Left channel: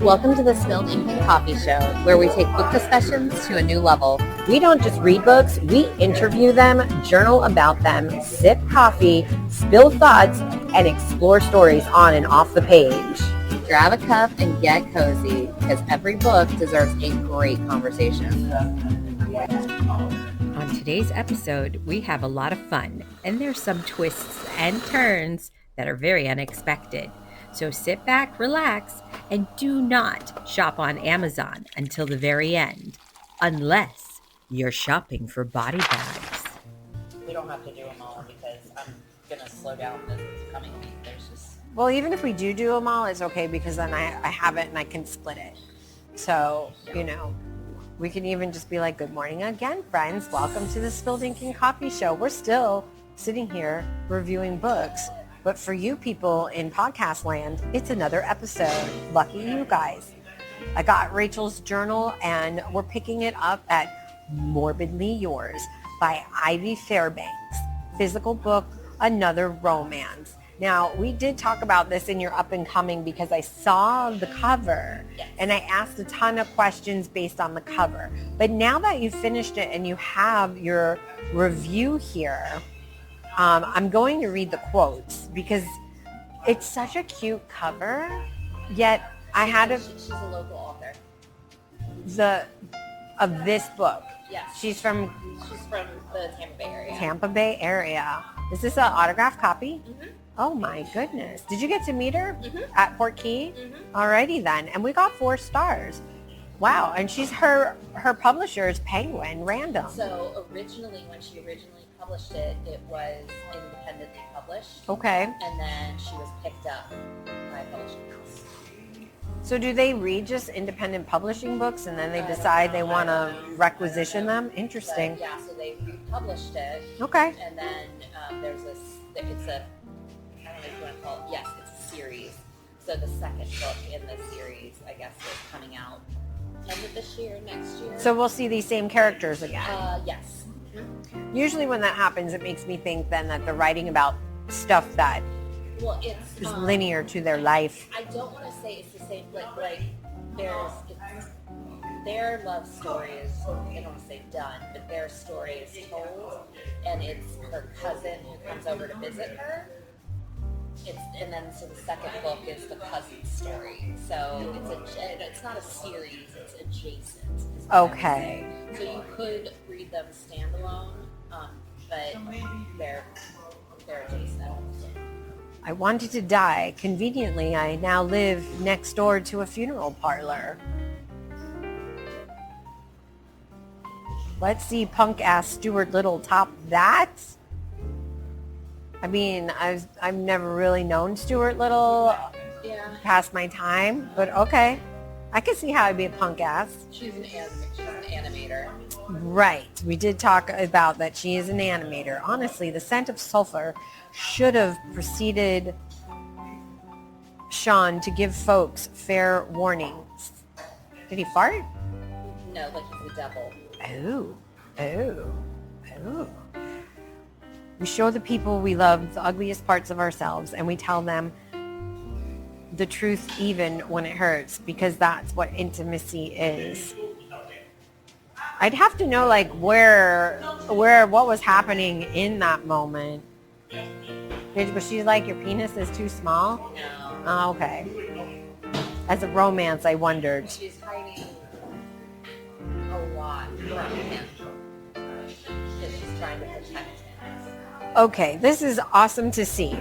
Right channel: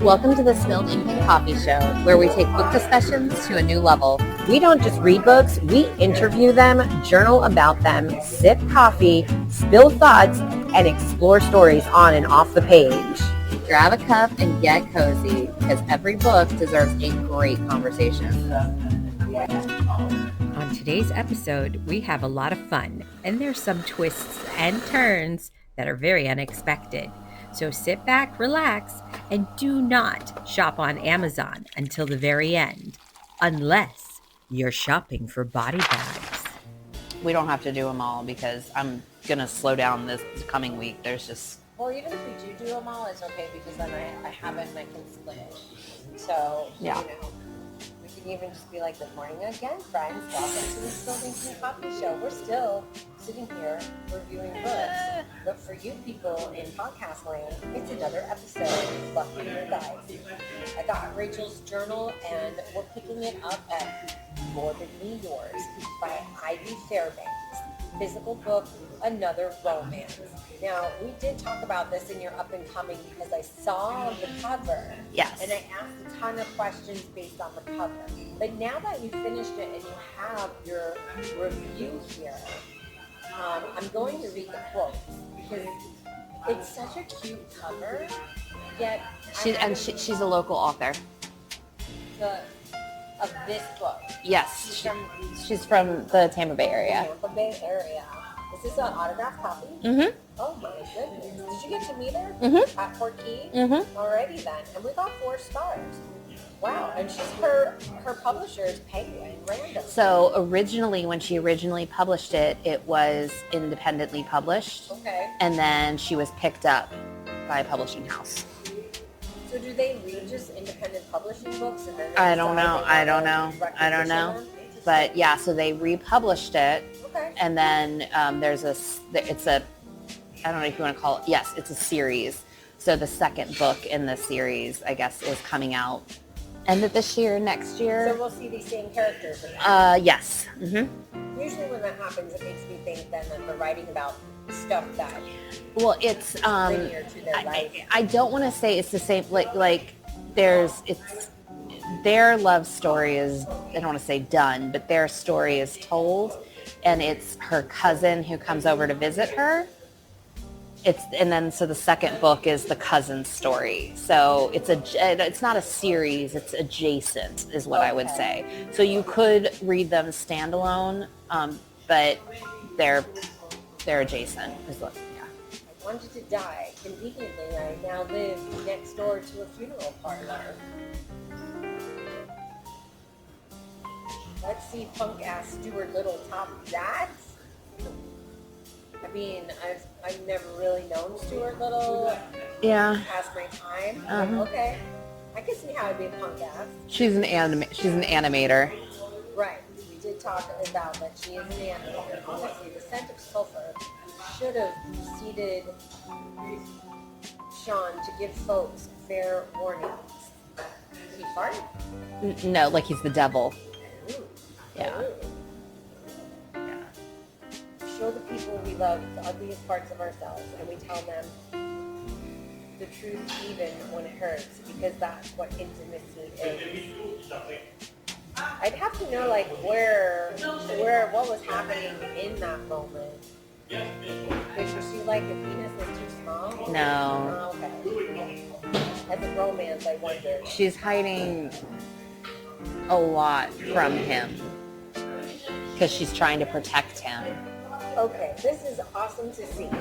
Welcome to the Spilled Ink and Coffee Show, where we take book discussions to a new level. We don't just read books, we interview them, journal about them, sip coffee, spill thoughts, and explore stories on and off the page. Grab a cup and get cozy, because every book deserves a great conversation. On today's episode, we have a lot of fun, and there's some twists and turns that are very unexpected. So sit back, relax, and do not shop on Amazon until the very end, unless you're shopping for body bags. We don't have to do them all because I'm going to slow down this coming week. There's just... Well, even if we do them all, it's okay because then I have it and I can split it. So, Yeah. you know, we can even just be like, good morning again, friends. Welcome to the Spilled Ink and Coffee Show. We're still sitting here reviewing books. But for you people in podcast land, it's another episode. Lucky you guys. I got Rachel's journal and we're picking it up at Morbidly Yours by Ivy Fairbanks. Physical book, another romance. Now, we did talk about this in your up and coming because I saw the cover. Yes. And I asked a ton of questions based on the cover. But now that you've finished it and you have your review here, I'm going to read the quotes because it's such a cute cover, yet she's a local author. Of this book. Yes, she's from the Tampa Bay area. Tampa Bay area. Is this an autographed copy? Mm-hmm. Oh my goodness. Did you get to meet her Mm-hmm. at Port Key? Mm-hmm. Alrighty then. And we got 4 stars. Wow. And she's her publisher is Penguin Random. So originally, when she originally published it, it was independently published. Okay. And then she was picked up by a publishing house. So do they read just independent publishing books and then they I don't decide know. they I want don't to know. requisition I don't know. them? Interesting. But yeah, so they republished it. Okay. And then it's a, I don't know if you want to call it, yes, it's a series. So the second book in the series, I guess, is coming out end of this year, next year. So we'll see these same characters again. Yes. Mm-hmm. Usually when that happens, it makes me think then that they're writing about stuff that Well, it's is linear to their life. I don't want to say it's the same, their love story is, I don't want to say done, but their story is told, and it's her cousin who comes over to visit her. So the second book is the cousin's story. So it's not a series, it's adjacent is what I would say. So you could read them standalone, but they're adjacent. I wanted to die. Conveniently, I now live next door to a funeral parlor. Let's see punk-ass Stuart Little top that. I mean, I've never really known Stuart Little past my time, but okay. I can see how I'd be a punk-ass. She's an animator. Right. We did talk about that she is an animator. Honestly, The Scent of Sulfur should have preceded Sean to give folks fair warnings. Did he fart? No, like he's the devil. Oh. We show the people we love the ugliest parts of ourselves, and we tell them the truth even when it hurts, because that's what intimacy is. I'd have to know like where what was happening in that moment. Was she like, your penis is too small? No. Oh, okay. As a romance, I wondered. She's hiding a lot from him because she's trying to protect him. Okay, this is awesome to see.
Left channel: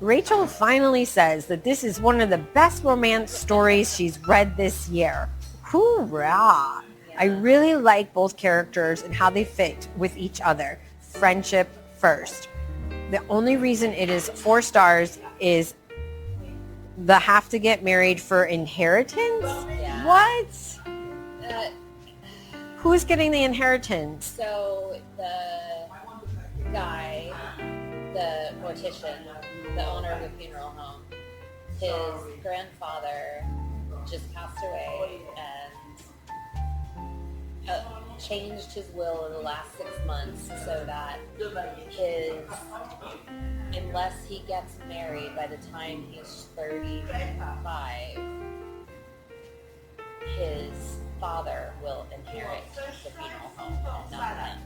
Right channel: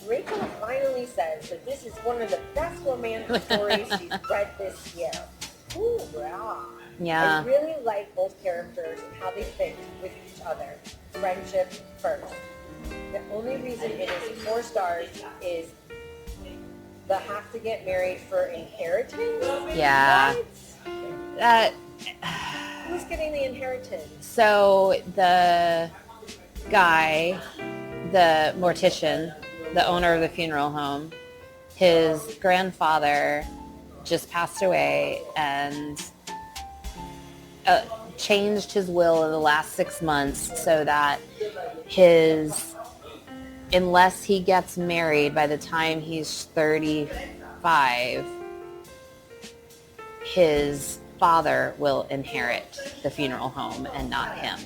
Rachel finally says that this is one of the best romance stories she's read this year. Hoorah! Yeah. I really like both characters and how they fit with each other. Friendship first. The only reason it is 4 stars is the have to get married for inheritance? Yeah. What? Who's getting the inheritance? So the guy, the mortician, the owner of the funeral home, his grandfather just passed away and changed his will in the last 6 months so that unless he gets married by the time he's 35, his father will inherit the funeral home and not him.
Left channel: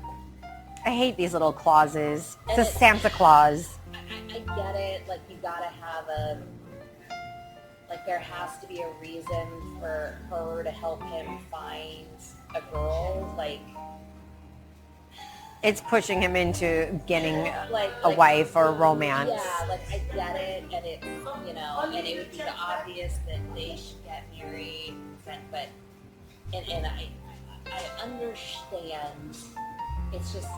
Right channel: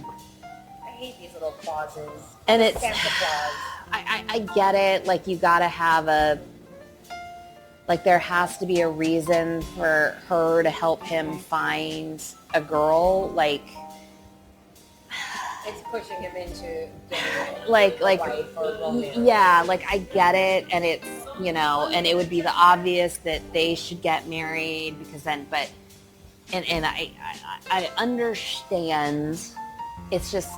I hate these little clauses. And it's it's Santa Claus. I get it. Like, you gotta have there has to be a reason for her to help him find a girl. Like, It's pushing him into getting like a wife or a romance. Yeah, like, I get it, and it's, and it would be the obvious that they should get married, because then, but, and I understand. It's just,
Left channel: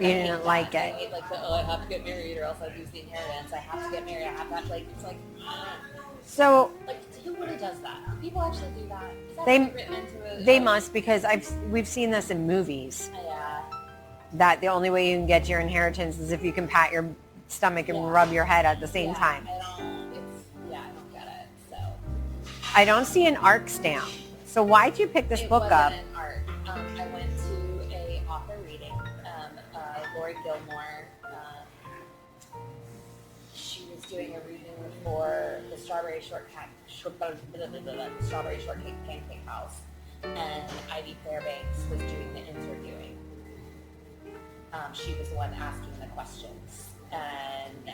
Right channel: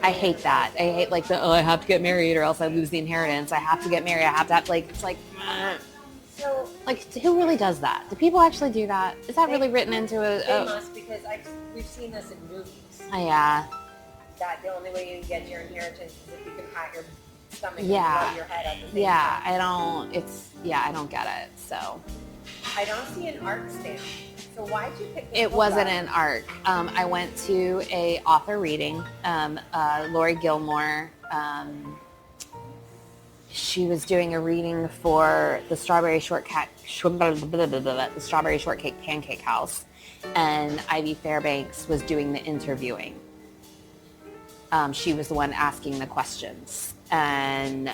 I hate that. I hate, like, I have to get married or else I lose the inheritance. I have to get married. I have to have, like, it's like, So, like, who really does that? Do people actually do that? Is that really written into a... They must, because we've seen this in movies. Yeah. That the only way you can get your inheritance is if you can pat your stomach and rub your head at the same time. I don't get it, so. I don't see an ARC stamp. So why'd you pick this book It wasn't up? an ARC. I went to a author reading. Lori Gilmore, she was doing a reading for the Strawberry Shortcake Pancake House, and Ivy Fairbanks was doing the interviewing. She was the one asking the questions, and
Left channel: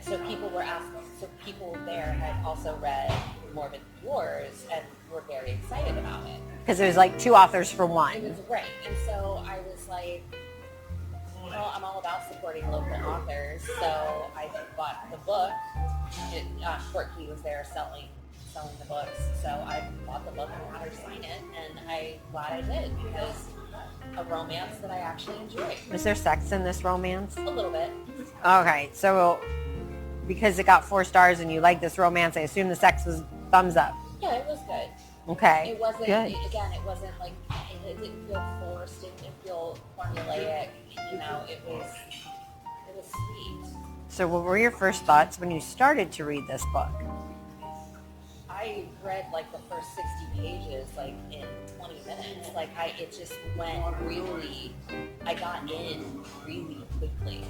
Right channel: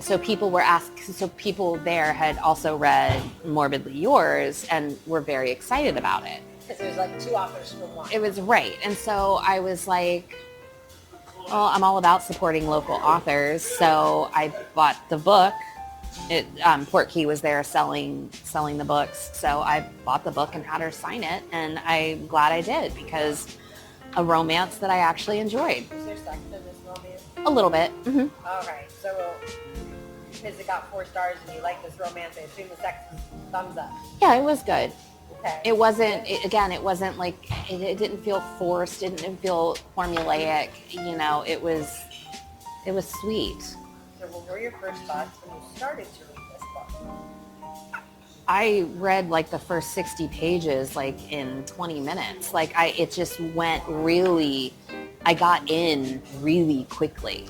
so people were asked. So people there had also read Morbidly Yours and were very excited about it, Because it was like two authors for one. it was right. And so I was like, well, I'm all about supporting local authors. So I bought the book. Portkey was there selling the books. So I bought the book and had her sign it. And I'm glad I did, because a romance that I actually enjoyed. Was there sex in this romance? A little bit. Mm-hmm. Okay, so because it got 4 stars and you like this romance, I assume the sex was thumbs up. Yeah, it was good. Okay. It wasn't, Good. it wasn't like, it didn't feel forced. It didn't feel formulaic. It was sweet. So what were your first thoughts when you started to read this book? I read like the first 60 pages like in 20 minutes. Like, it just went really, I got in really quickly.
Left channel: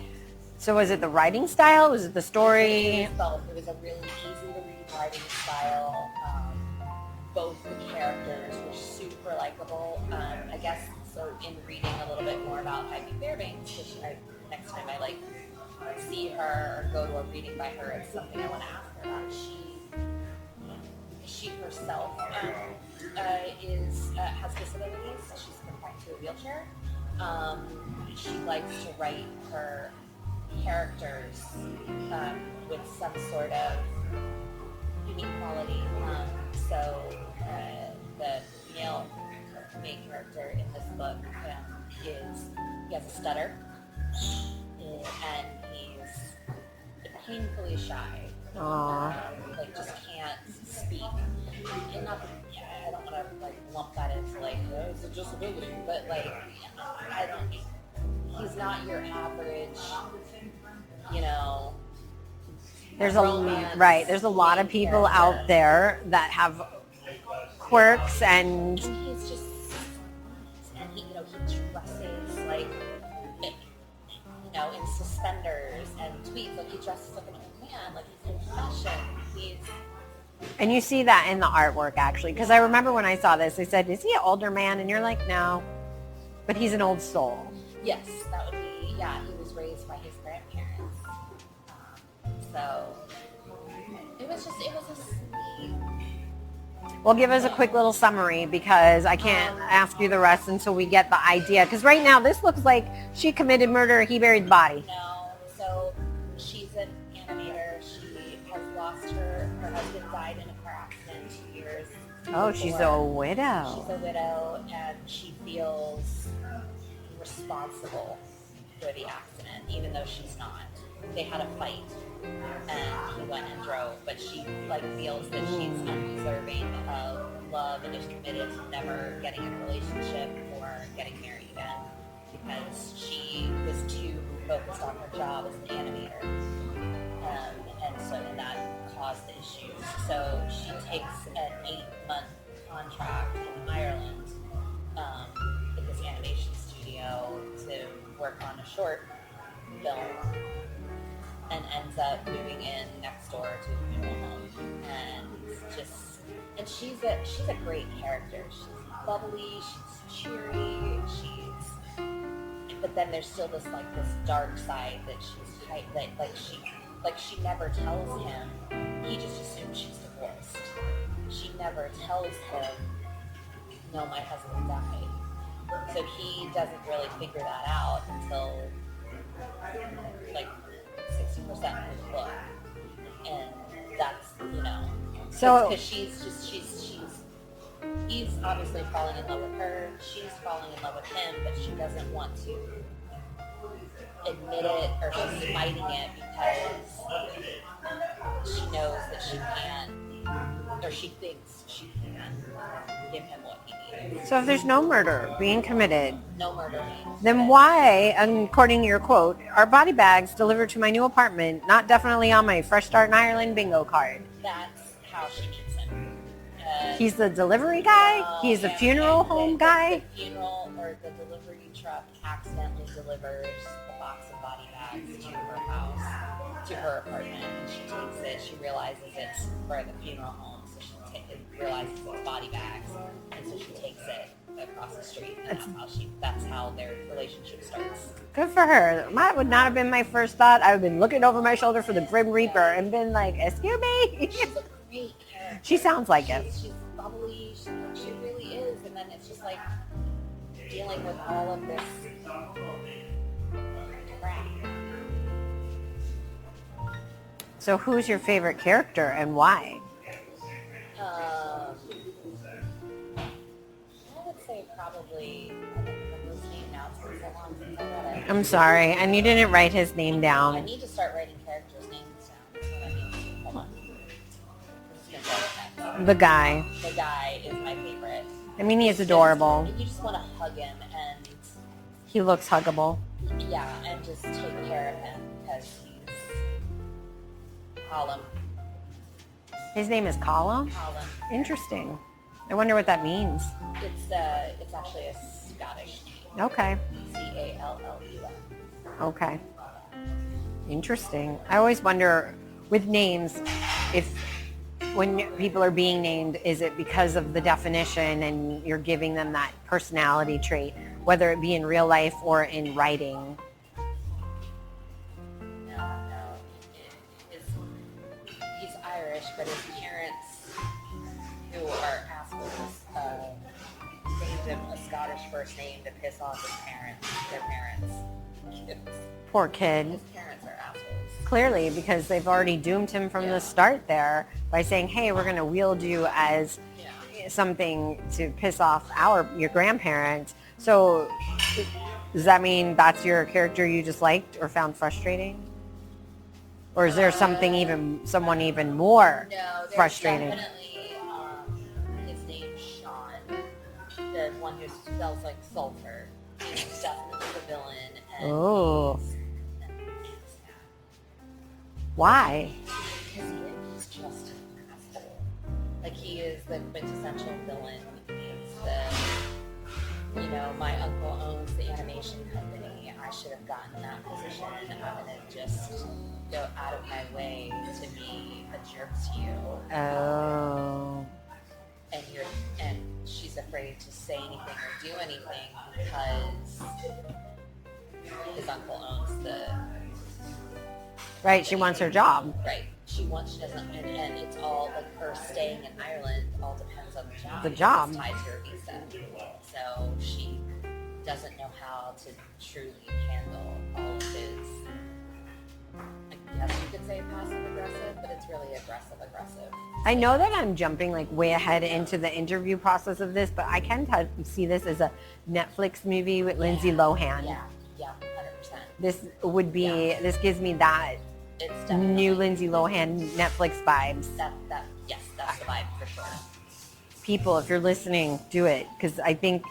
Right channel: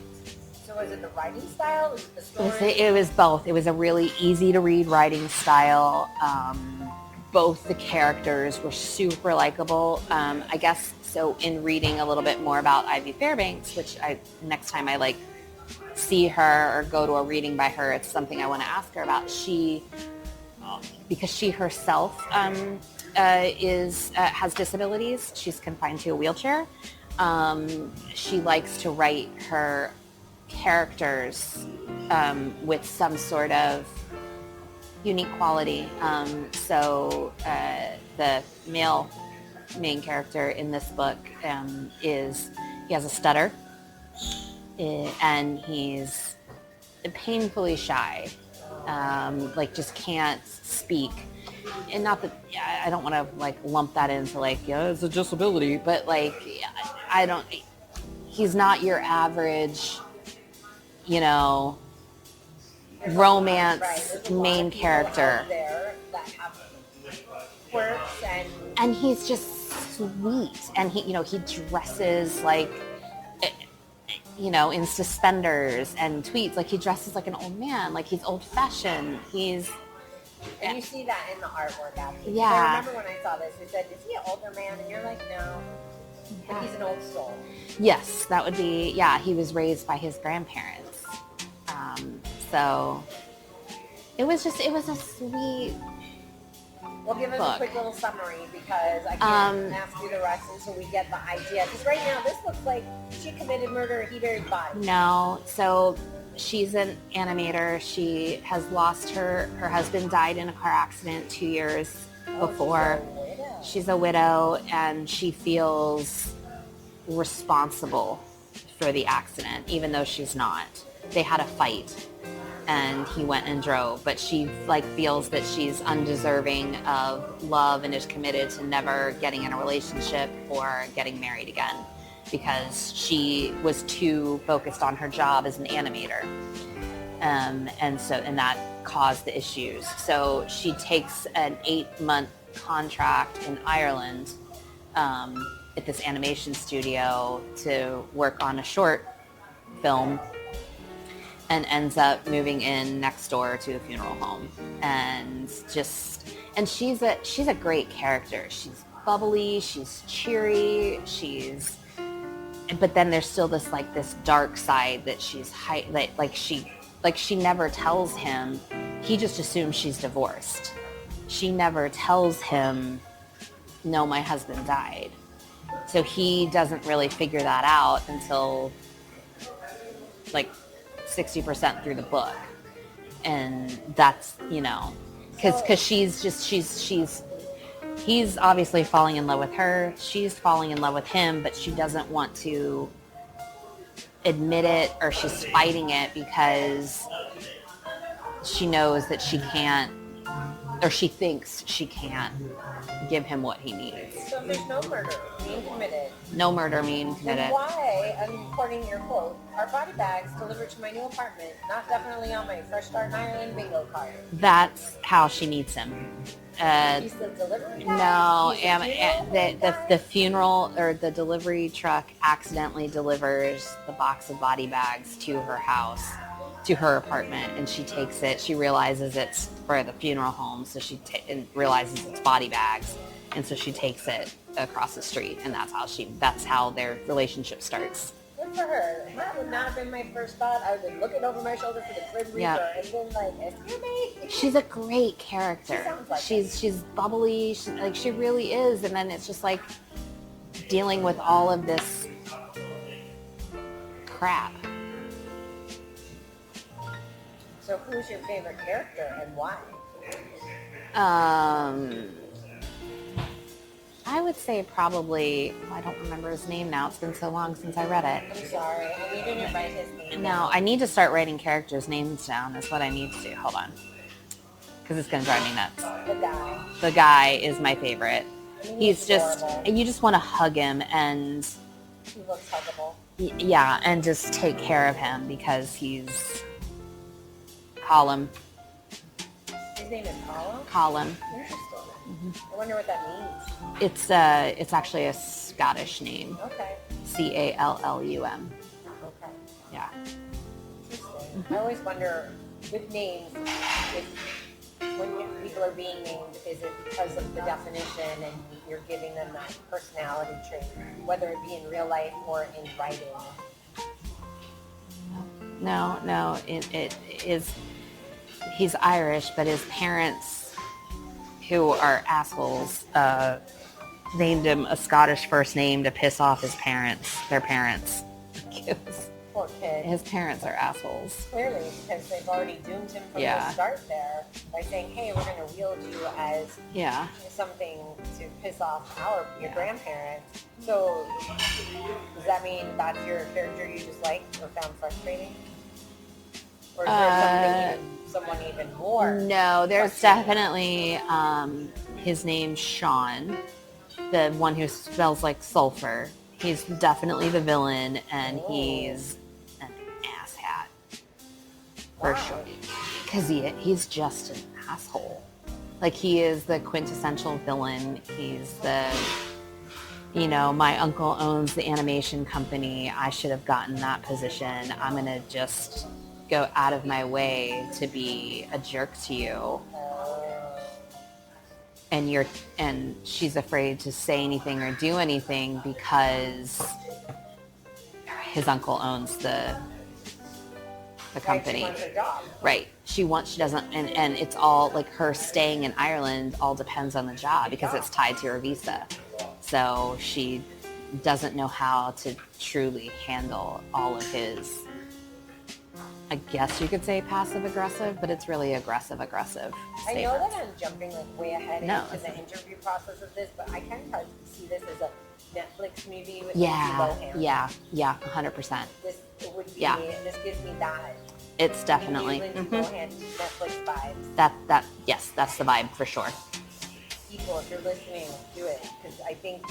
So was it the writing style? Was it the story? It was both. It was a really easy to read writing style. Both the characters were super likable. I guess, so in reading a little bit more about Ivy Fairbanks, which next time I see her or go to a reading by her, it's something I want to ask her about. Because she herself has disabilities. She's confined to a wheelchair. She likes to write her characters with some sort of unique quality. So the male main character in this book he has a stutter, and he's painfully shy. Just can't speak. And not that, I don't want to lump that into it's a disability, but he's not your average, There's romance. Right. There's a lot of people character out there that have quirks and he's just sweet. And he dresses in suspenders and tweeds. He dresses like an old man. He's old fashioned. And you see that in the artwork, actually. Because I remember when I saw this, I said, is he an older man? And you're like, no. But he's an old soul. Yes, that would be, he was raised by his grandparents. So it was a sweet Well, give us a quick little summary, because I can't ask you the rest until we get the idea. Because right now, this looks like she committed murder, he buried the body. No, so she's an animator. She has lost her husband died in a car accident 2 years before. She's a widow. She's a widow, and she feels responsible for the accident, even though she's not. They had a fight, and he went and drove, but she feels that she's undeserving of love and is committed to never getting in a relationship or getting married again, because she was too focused on her job as an animator. And that caused the issues. So she takes an 8-month contract in Ireland at this animation studio to work on a short film. and ends up moving in next door to a funeral home. And she's a great character. She's bubbly, she's cheery, but then there's still this dark side that she never tells him. He just assumes she's divorced. She never tells him, no, my husband died. So he doesn't really figure that out until 60% through the book. And that's, because he's obviously falling in love with her. She's falling in love with him, but she doesn't want to admit it, or she's fighting it because she knows that she can't, or she thinks she can't give him what he needs. So if there's no murder being committed, then why, according to your quote, are body bags delivered to my new apartment not definitely on my Fresh Start in Ireland bingo card? That's how she needs him. He's the delivery guy? No, he's the funeral home guy? The funeral or the delivery truck accidentally delivers the box of body bags to her house, to her apartment, and she takes it. She realizes it's for the funeral home, so she realizes it's body bags, and so she takes it across the street, and that's how their relationship starts. Good for her. That would not have been my first thought. I would have been looking over my shoulder for the Grim Reaper and been like, excuse me? She's a great character. She sounds like it. She's bubbly. She really is. And then it's just dealing with all of this crap. So who's your favorite character and why? I would say probably, I don't remember his name now. It's been so long since I read it. I'm sorry. And you didn't write his name down. I need to start writing characters' names down. That's what I need to do. Hold on. Because it's going to drive me nuts. The guy. The guy is my favorite. I mean, he's adorable. You just want to hug him, and he looks huggable. Yeah, and just take care of him because he's Colum. His name is Colum? Colum. Interesting. Mm-hmm. I wonder what that means. It's actually a Scottish name. Okay. Callum. Okay. Yeah. Interesting. I always wonder with names, if when people are being named, is it because of the definition and you're giving them that personality trait, whether it be in real life or in writing? No, it is. He's Irish, but his parents, who are assholes, named him a Scottish first name to piss off their parents. Poor kid. His parents are assholes. Clearly, because they've already doomed him from the start there by saying, hey, we're going to wield you as something to piss off your grandparents. So does that mean that's your character you just liked or found frustrating? Or is there someone even more? No, there's definitely his name's Sean, the one who smells like sulfur. He's definitely the villain, and he's an asshat. Why? Because he's just an asshole. He is the quintessential villain. He's my uncle owns the animation company. I should have gotten that position. I'm going to just go out of my way to be a jerk to you. Oh. And she's afraid to say anything or do anything because his uncle owns the company. Right, she wants her job. Right. She doesn't, and it's all her staying in Ireland all depends on the job because it's tied to her visa. So she doesn't know how to truly handle all of his, I guess you could say passive aggressive, but it's really aggressive. I know that I'm jumping way ahead into the interview process of this, but I can see this as a Netflix movie with Lindsay Lohan. Yeah, 100%. This would be, this gives me that. It's definitely new Lindsay Lohan Netflix vibes. Yes, that's the vibe for sure. People, if you're listening, do it, because I think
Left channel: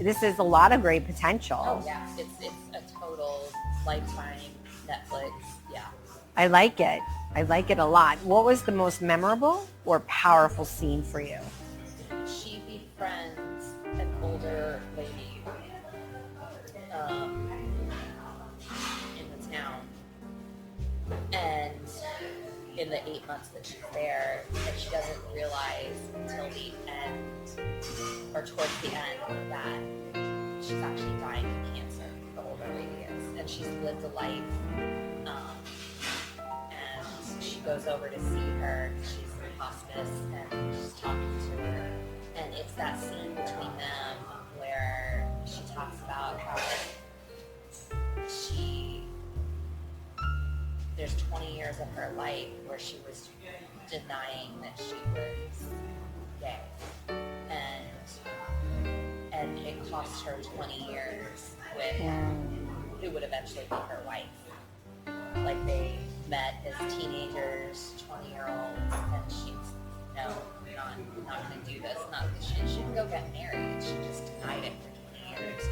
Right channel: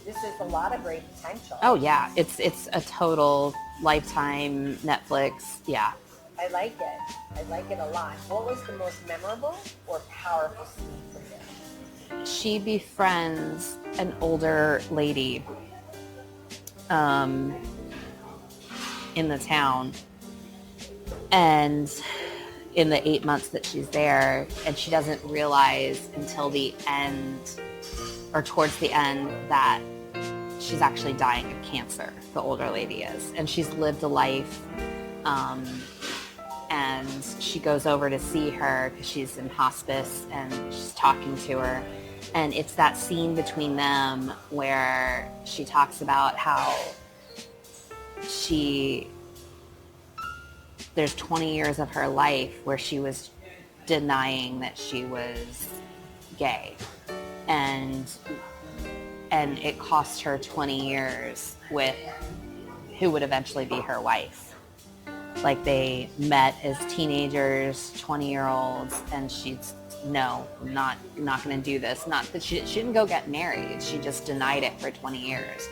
this is a lot of great potential. Oh yeah, it's a total Lifetime Netflix. Yeah, I like it. I like it a lot. What was the most memorable or powerful scene for you? She befriends an older lady in the town, And in the 8 months that she's there, and she doesn't realize until the end or towards the end that she's actually dying of cancer, the older lady is. And she's lived a life, and she goes over to see her because she's in hospice, and she's talking to her. And it's that scene between them where she talks about how there's 20 years of her life where she was denying that she was gay. And it cost her 20 years with who would eventually be her wife. Like, they met as teenagers, 20-year-olds, and she's, no, I'm not going to do this. Not that she didn't go get married. She just denied it for 20 years.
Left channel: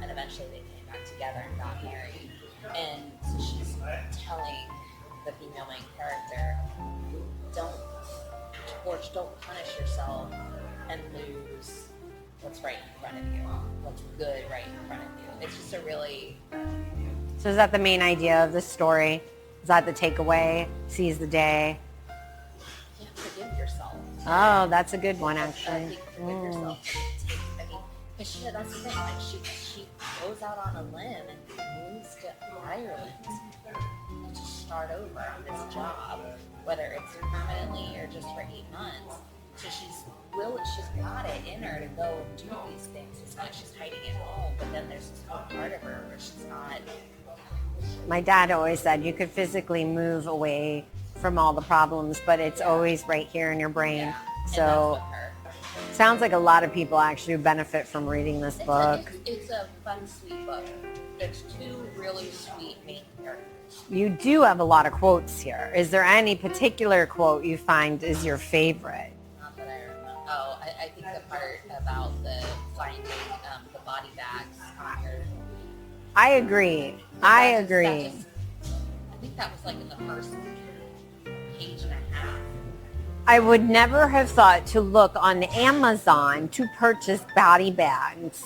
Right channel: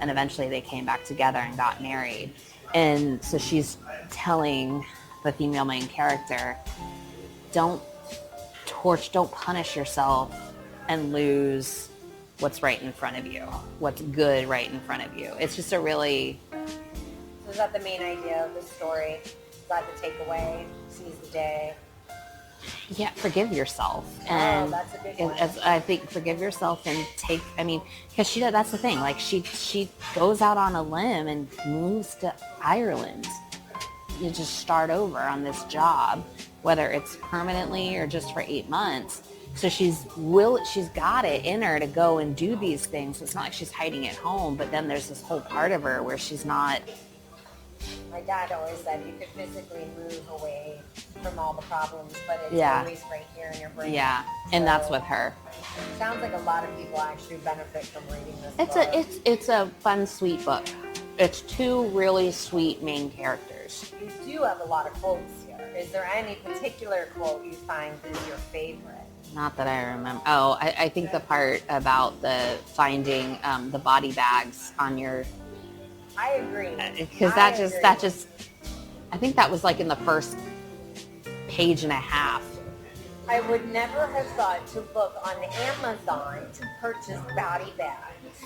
And eventually they came back together and got married. And so she's telling the female main character, don't punish yourself and lose what's right in front of you, what's good right in front of you. It's just a really... So is that the main idea of this story? Is that the takeaway? Seize the day? Yeah, forgive yourself. Oh, that's a good one. I think forgive yourself and because that's the thing. Like, she goes out on a limb and moves to Ireland. You just start over on this job, whether it's permanently or just for 8 months. So she's got it in her to go and do these things. It's not like she's hiding at home, but then there's this whole part of her where she's not. My dad always said you could physically move away from all the problems, but it's always right here in your brain. Yeah, so, and that's with her. Sounds like a lot of people actually benefit from reading this book. It's a fun, sweet book. It's two really sweet main characters. You do have a lot of quotes here. Is there any particular quote you find is your favorite? Not that I remember. Oh, I think the part about the finding the body bags on your... I agree. I think that was like in the first page and a half. I would never have thought to look on Amazon to purchase body bags.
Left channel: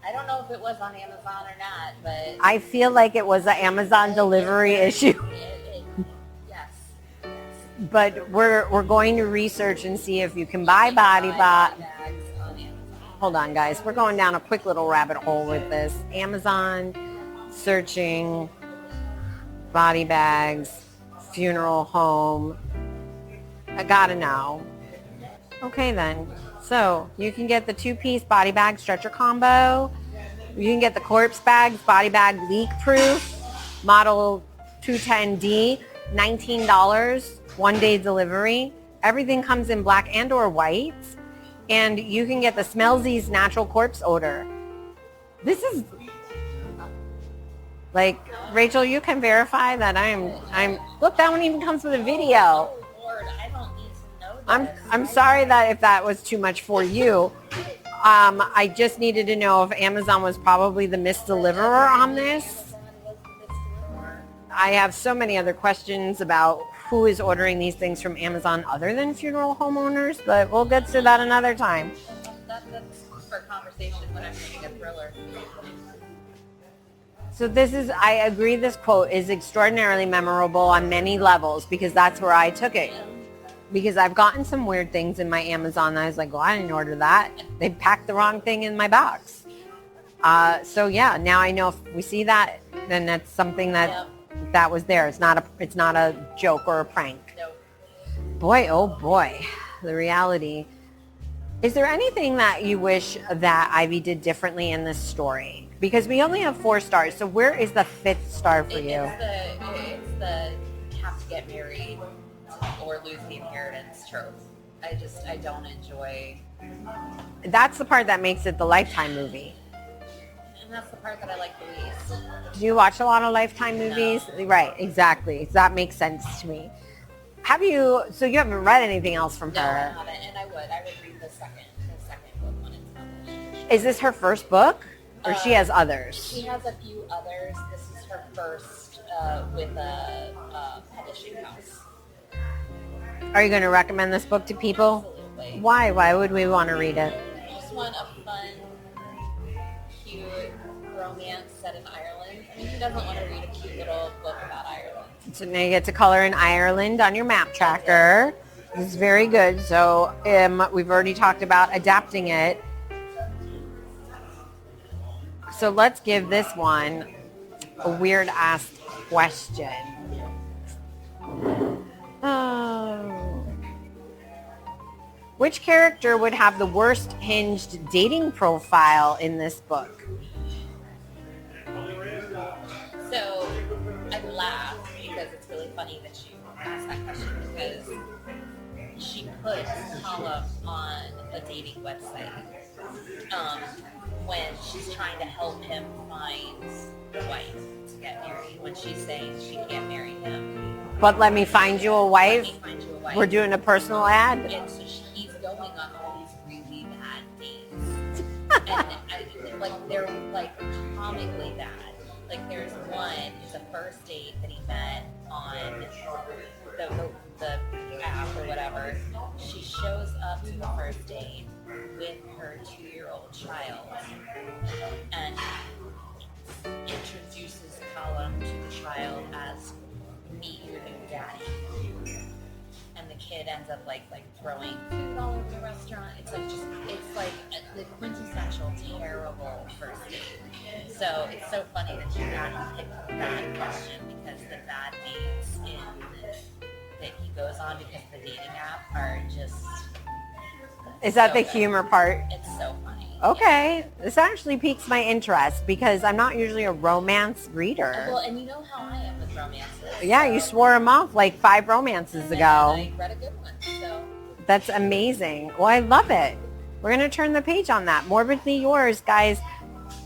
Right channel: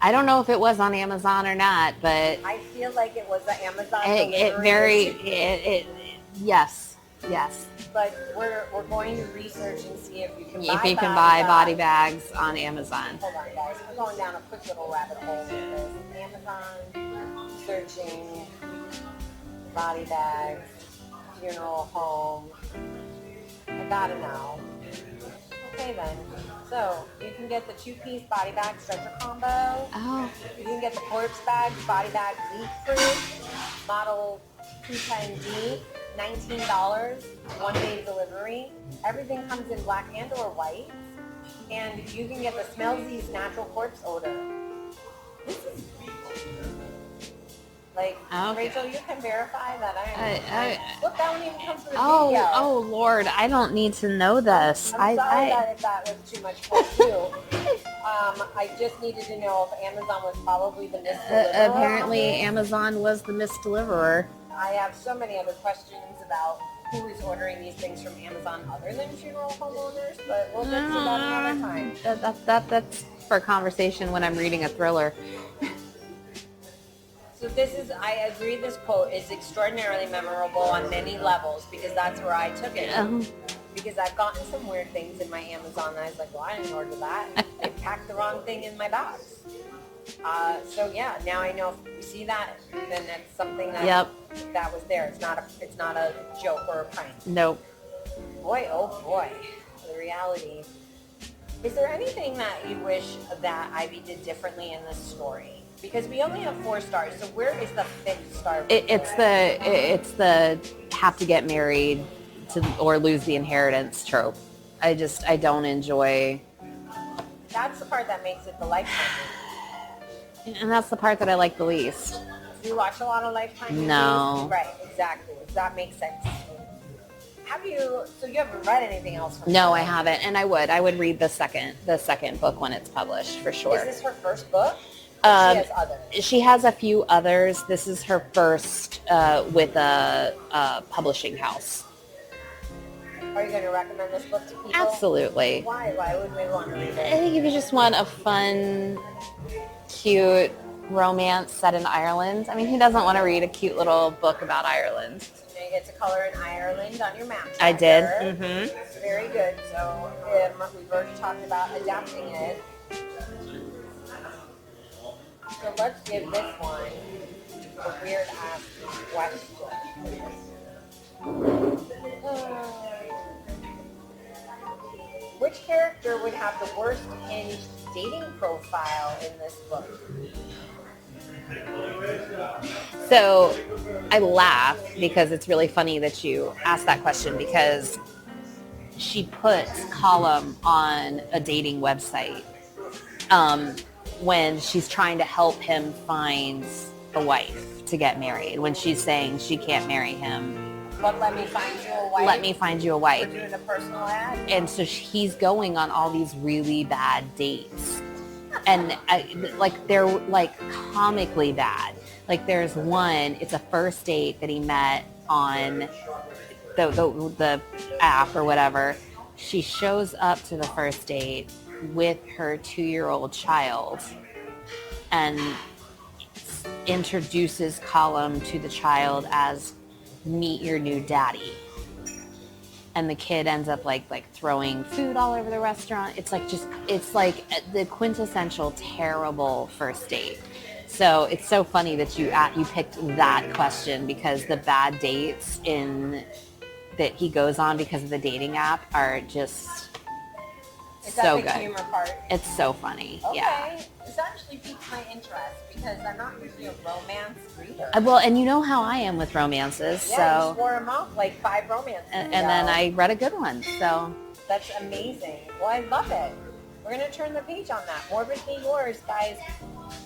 I don't know if it was on Amazon or not, but I feel like it was an Amazon delivery issue. Yes. But we're going to research and see if you can buy body bags on Amazon. Hold on, guys. We're going down a quick little rabbit hole with this. Amazon, searching body bags, funeral home. I gotta know. Okay, then. So you can get the 2-piece body bag stretcher combo. Oh. You can get the corpse bags, body bag leak proof, model 210D, $19, 1-day delivery. Everything comes in black and or white. And you can get the Smellsies natural corpse odor. This is like, Rachel, you can verify that I'm look, that one even comes with a video. Oh Lord, I don't need to know this. I'm sorry that if that was too much for you. I just needed to know if Amazon was probably the misdeliverer on this. Amazon was the misdeliverer. I have so many other questions about who is ordering these things from Amazon other than funeral homeowners, but we'll get to that another time. That's for a conversation when I'm reading a thriller. So I agree this quote is extraordinarily memorable on many levels because that's where I took it. Because I've gotten some weird things in my Amazon and I was like, well, I didn't order that. They packed the wrong thing in my box. So yeah, now I know if we see that, then that's something that that was there. It's not a joke or a prank. Nope. Boy, oh boy, the reality. Is there anything that you wish that Ivy did differently in this story? Because we only have 4 stars, so where is the 5th star for you? It's the have to get married or lose the inheritance trope. I don't enjoy. That's the part that makes it the Lifetime movie. And that's the part that I like the least. Do you watch a lot of Lifetime movies? No. Right, exactly. That makes sense to me. So you haven't read anything else from her? No, I haven't, and I would read the second book when it's published for sure. Is this her first book? Or she has others? She has a few others. This is her first with a publishing house. Are you going to recommend this book to people? Absolutely. Why? Why would we want to read I it? think if you just want a fun, cute romance set in Ireland. I mean, who doesn't want to read a cute little book about Ireland? So now you get to color in Ireland on your map I tracker. did. Mm-hmm. It's very good. So we've already talked about adapting it. So let's give this one a weird ass question. Which character would have the worst hinged dating profile in this book? So I laugh because it's really funny that you asked that question, because she puts Colum on a dating website when she's trying to help him find a wife to get married, when she's saying she can't marry him. But let me find you a wife. Let me find you a wife. We're doing a personal ad. And so he's going on all these really bad dates. And they're like comically bad. Like there's one, it's a first date that he met on the app or whatever. She shows up to the first date with her 2-year-old child and introduces Colum to the child as meet your new daddy. And the kid ends up like throwing food all over the restaurant. It's like the quintessential terrible first date. So it's so funny that you picked that question, because the bad dates that he goes on because of the dating app are just Is that so the good. humor part? It's so funny. Okay. Yeah. This actually piques my interest because I'm not usually a romance reader. Well, and you know how I am with romances. Yeah, so- you swore them off like 5 romances and ago. then I read a good one. So That's amazing. Well, I love it. We're going to turn the page on that. Morbidly Yours, guys.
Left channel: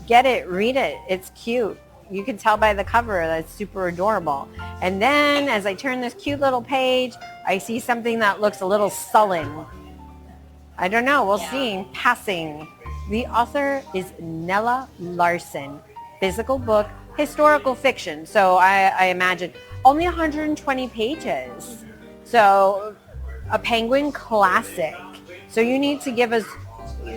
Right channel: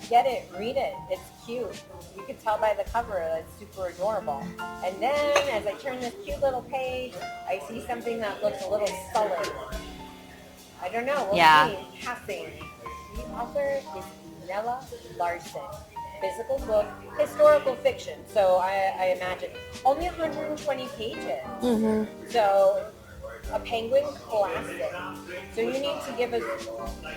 Get it. Read it. It's cute. You can tell by the cover that it's super adorable. And then as I turn this cute little page, I see something that looks a little sullen. I don't know. We'll see. Passing. The author is Nella Arsen. Physical book, historical fiction. So I imagine only 120 pages. Mm-hmm. So a Penguin classic. So you need to give us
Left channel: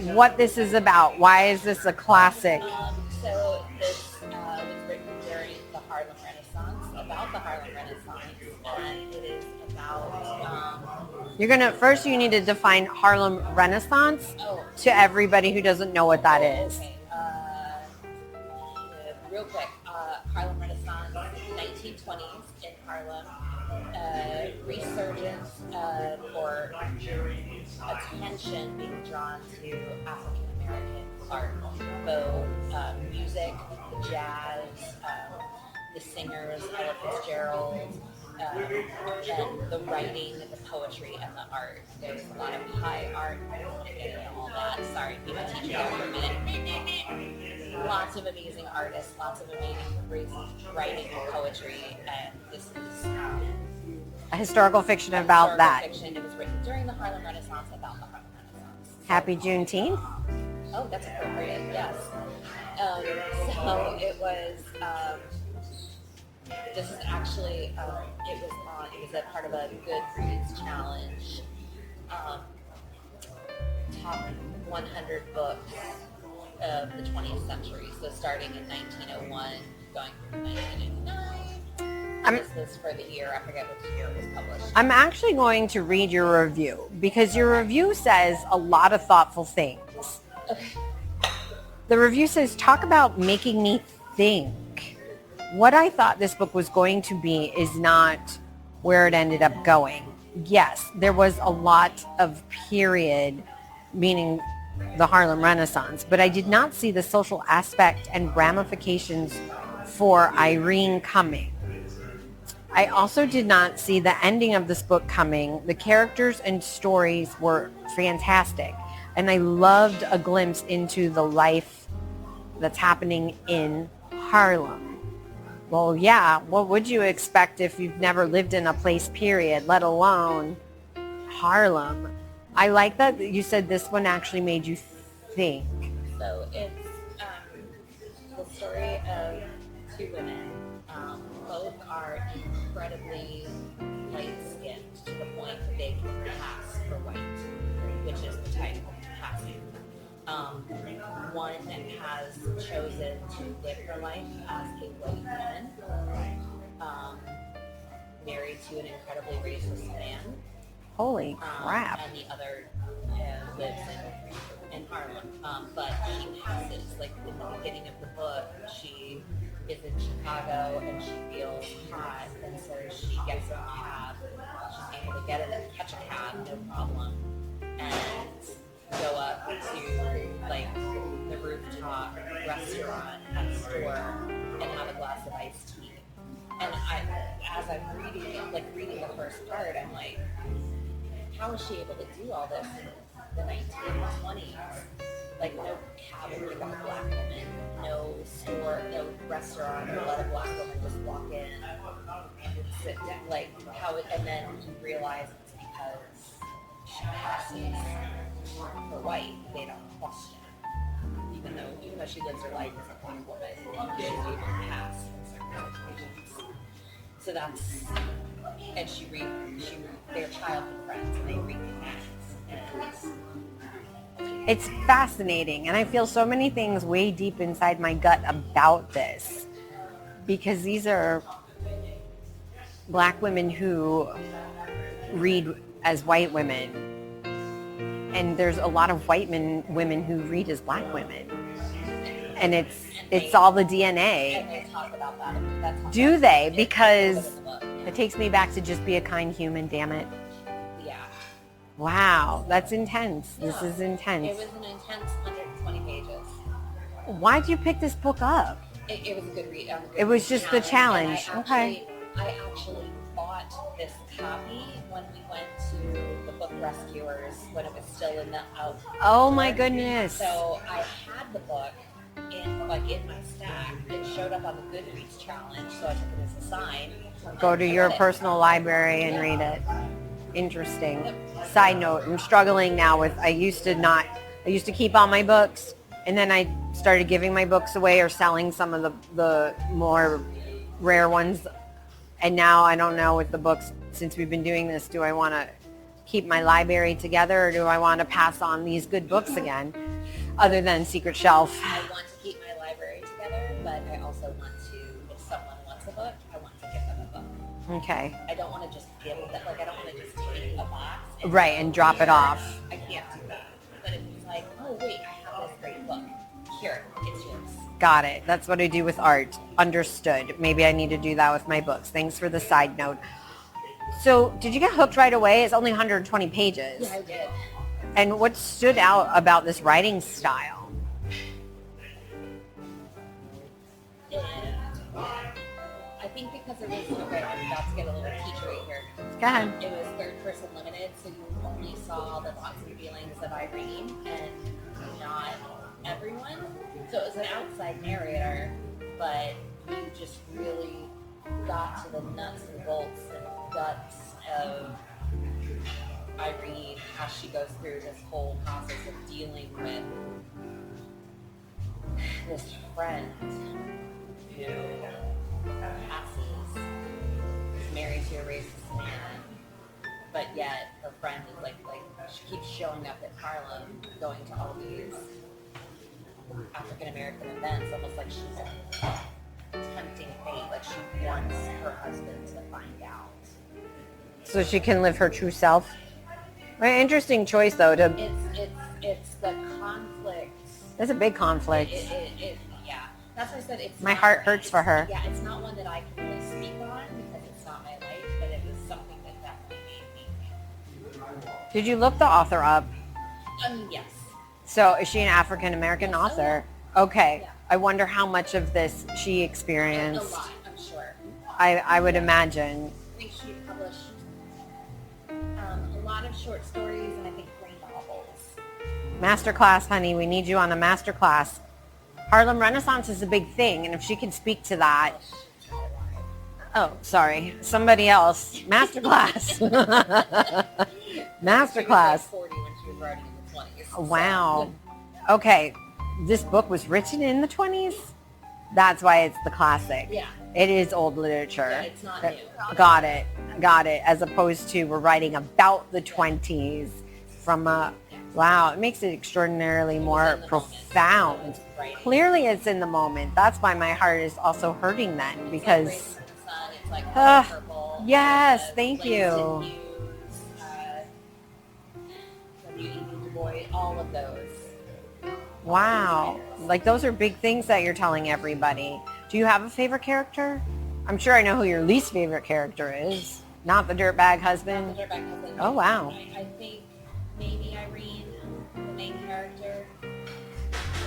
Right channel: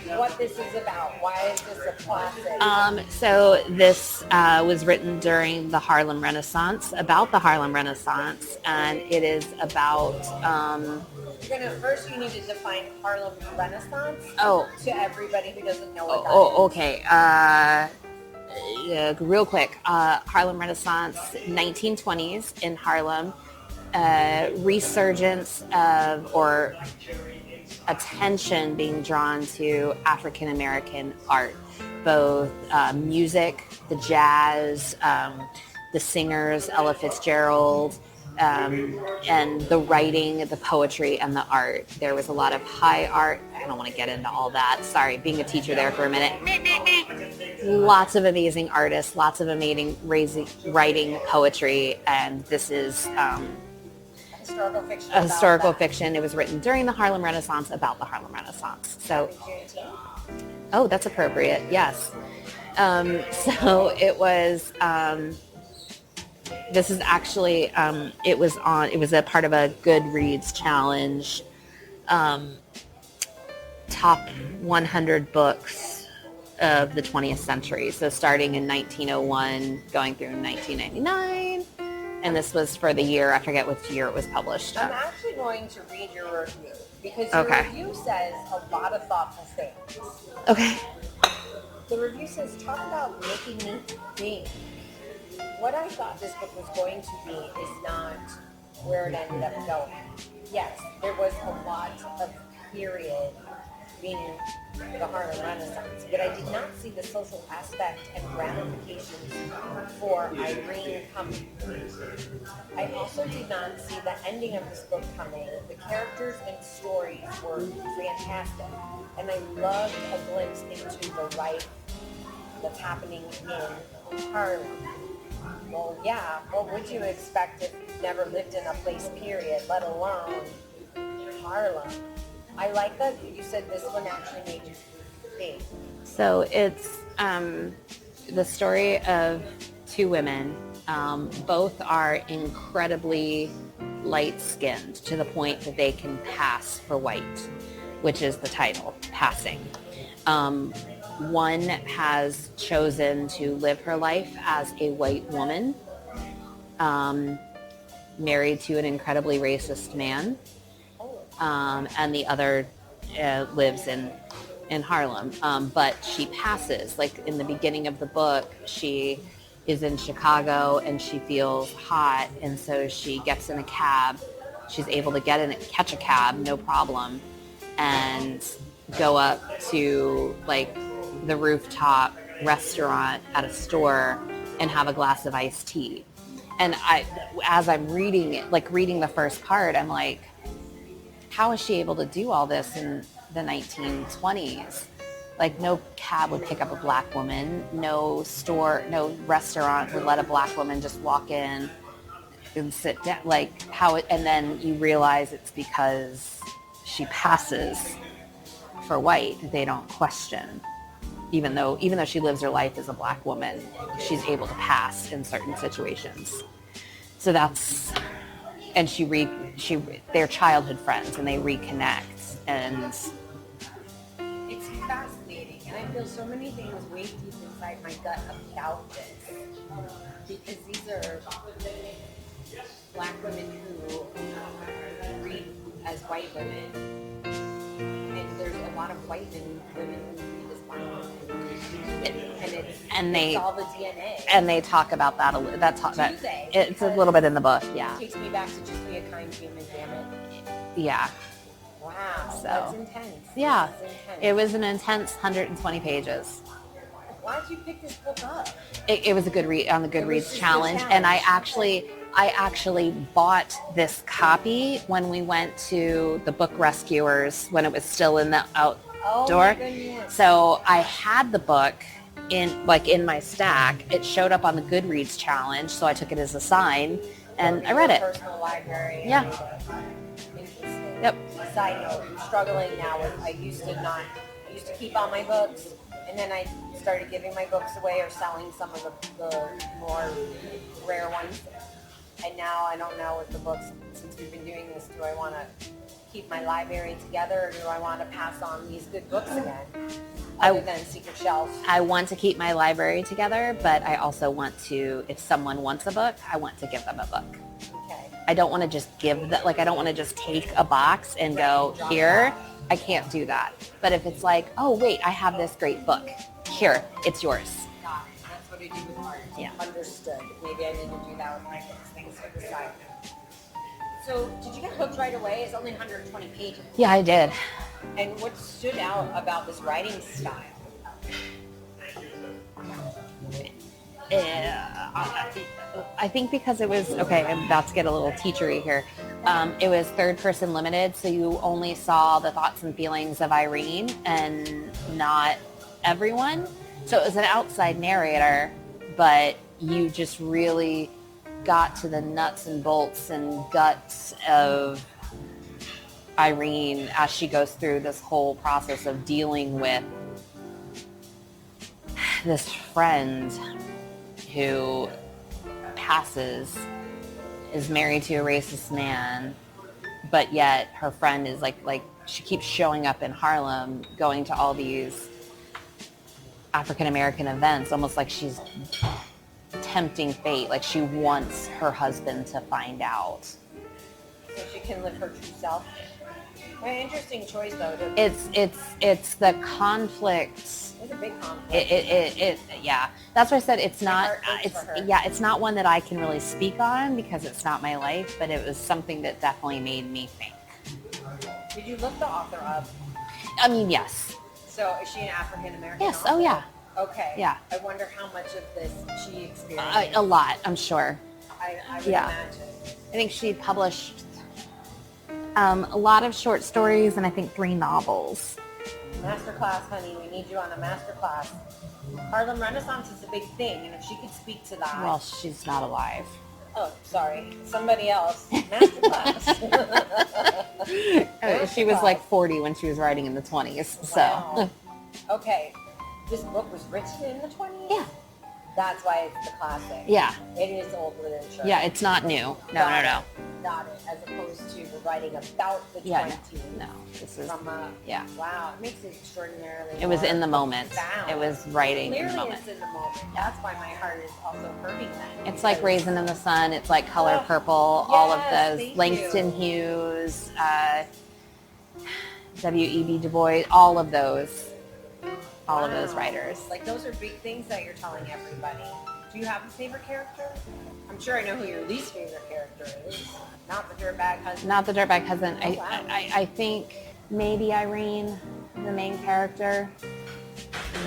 what this is about. Why is this a classic? So this was written during the Harlem Renaissance, about the Harlem Renaissance, and it is about. First you need to define Harlem Renaissance to everybody who doesn't know what that is. Okay. Real quick. Harlem Renaissance, 1920s in Harlem. Resurgence of, or attention being drawn to African American art, both music, the jazz, the singers, Ella Fitzgerald, and the writing, the poetry, and the art. There was a lot of high art. I don't want to get into all that. Sorry, being a teacher there for a minute. Lots of amazing artists, lots of amazing writing, poetry, and this is a historical fiction a about historical that. fiction. It was written during the Harlem Renaissance, about the Harlem Renaissance. So, Happy Juneteenth. Oh, that's appropriate. Yes. So it was. This is actually. It was a part of a Goodreads challenge. Top 100 books of the 20th century. So starting in 1901, going through 1999. And this was for the year, I forget which year it was published. I'm actually going to read your review because your review says a lot of thoughtful things. Okay. The review says, talk about making me think. What I thought this book was going to be is not where it ended up going. Yes, there was a lot of period, meaning the Harlem Renaissance, but I did not see the social aspect and ramifications for Irene coming. I also did not see the ending of this book coming. The characters and stories were fantastic, and I loved a glimpse into the life that's happening in Harlem. Well, yeah, what would you expect if you've never lived in a place, period, let alone Harlem? I like that you said this one actually made you think. So it's the story of two women. Both are incredibly light-skinned to the point that they can pass for white, which is the title, Passing. One has chosen to live her life as a white woman, married to an incredibly racist man. Holy crap. And the other lives in Harlem. But she passes. Like in the beginning of the book, she is in Chicago and she feels hot, and so she gets in a cab. She's able to catch a cab, no problem, and go up to like the rooftop restaurant at a store and have a glass of iced tea. And as I'm reading it, like reading the first part, I'm like, how is she able to do all this in the 1920s? Like no cab would pick up a black woman, no store, no restaurant would let a black woman just walk in and sit down. Like and then you realize it's because she passes for white. They don't question. Even though she lives her life as a black woman, she's able to pass in certain situations. So and they're childhood friends and they reconnect, and it's fascinating. And I feel so many things way deep inside my gut about this, because these are black women who read as white women. And there's a lot of white women who read as black women, and it's all the DNA. And they talk about that a little. Because it's a little bit in the book. Yeah, it takes me back to Just Be a Kind Human. Damn it. Yeah. Wow, So, that's intense. Yeah, this is intense. It was an intense 120 pages. Why'd you pick this book up? It was a good read on the Goodreads It was just challenge, the challenge. and I actually bought this copy when we went to the Book Rescuers when it was still in the outdoor. Oh my goodness. So I had the book in my stack. It showed up on the Goodreads challenge, so I took it as a sign. Go and to I your read it. personal library and Yeah. read it. Interesting. Yep. Side note, I'm struggling now with, I used to keep all my books, and then I started giving my books away or selling some of the more rare ones. And now I don't know with the books, since we've been doing this, do I want to keep my library together, or do I want to pass on these good books again, other than Secret Shelf? I want to keep my library together, but I also want to, if someone wants a book, I want to give them a book. Okay. I don't want to just give that, like I don't want to just take a box and and drop here. it off. I can't do that. But if it's like, oh wait, I have this great book. Here, it's yours. Got it. That's what I do with art. Yeah. Understood. Maybe I need to do that with my books. Thanks for the side note. So did you get hooked right away? It's only 120 pages. Yeah, I did. And what stood out about this writing style? I think because it was, okay, I'm about to get a little teachery here. It was third person limited, so you only saw the thoughts and feelings of Irene and not everyone. So it was an outside narrator, but you just really got to the nuts and bolts and guts of Irene as she goes through this whole process of dealing with this friend who passes, is married to a racist man, but yet her friend is like she keeps showing up in Harlem, going to all these African-American events, almost like she's tempting fate, like she wants her husband to find out. So she can live her true self? Very interesting choice, though. It's the conflict. It's a big conflict. Yeah. That's why I said My heart hurts for her. Yeah, it's not one that I can really speak on because it's not my life, but it was something that definitely made me think. Did you look the author up? I mean, yes. So is she an African-American Yes. author? Oh, yeah. Okay. Yeah. I wonder how much of this she experienced. A lot, I'm sure. I would Yeah. imagine. I think she published a lot of short stories and I think 3 novels. Masterclass, honey. We need you on a masterclass. Harlem Renaissance is a big thing, and if she can speak to that. Well, she's not alive. Oh, sorry. Somebody else. Masterclass. She was like 40 when she was writing in the 20s. Wow. Okay. This book was written in the 20s? Yeah. That's why it's the classic. Yeah. It is old literature. Yeah, it's not new. Got it. As opposed to we're writing about the 20s. No, this is, from a, yeah. Wow, it makes it extraordinarily It more was in the moment. profound. It was writing. Clearly it's in the moment. That's why my heart is also hurting then. It's like Raisin in the Sun. It's like Color Purple. Yes, all of those. thank Langston you. Hughes, W.E.B. Du Bois, all of those. All of those writers. Like those are big things that you're telling everybody. Do you have a favorite character? I'm sure I know who your least favorite character is. Not the dirtbag husband. Not the dirtbag husband. Oh, wow. I think maybe Irene, the main character.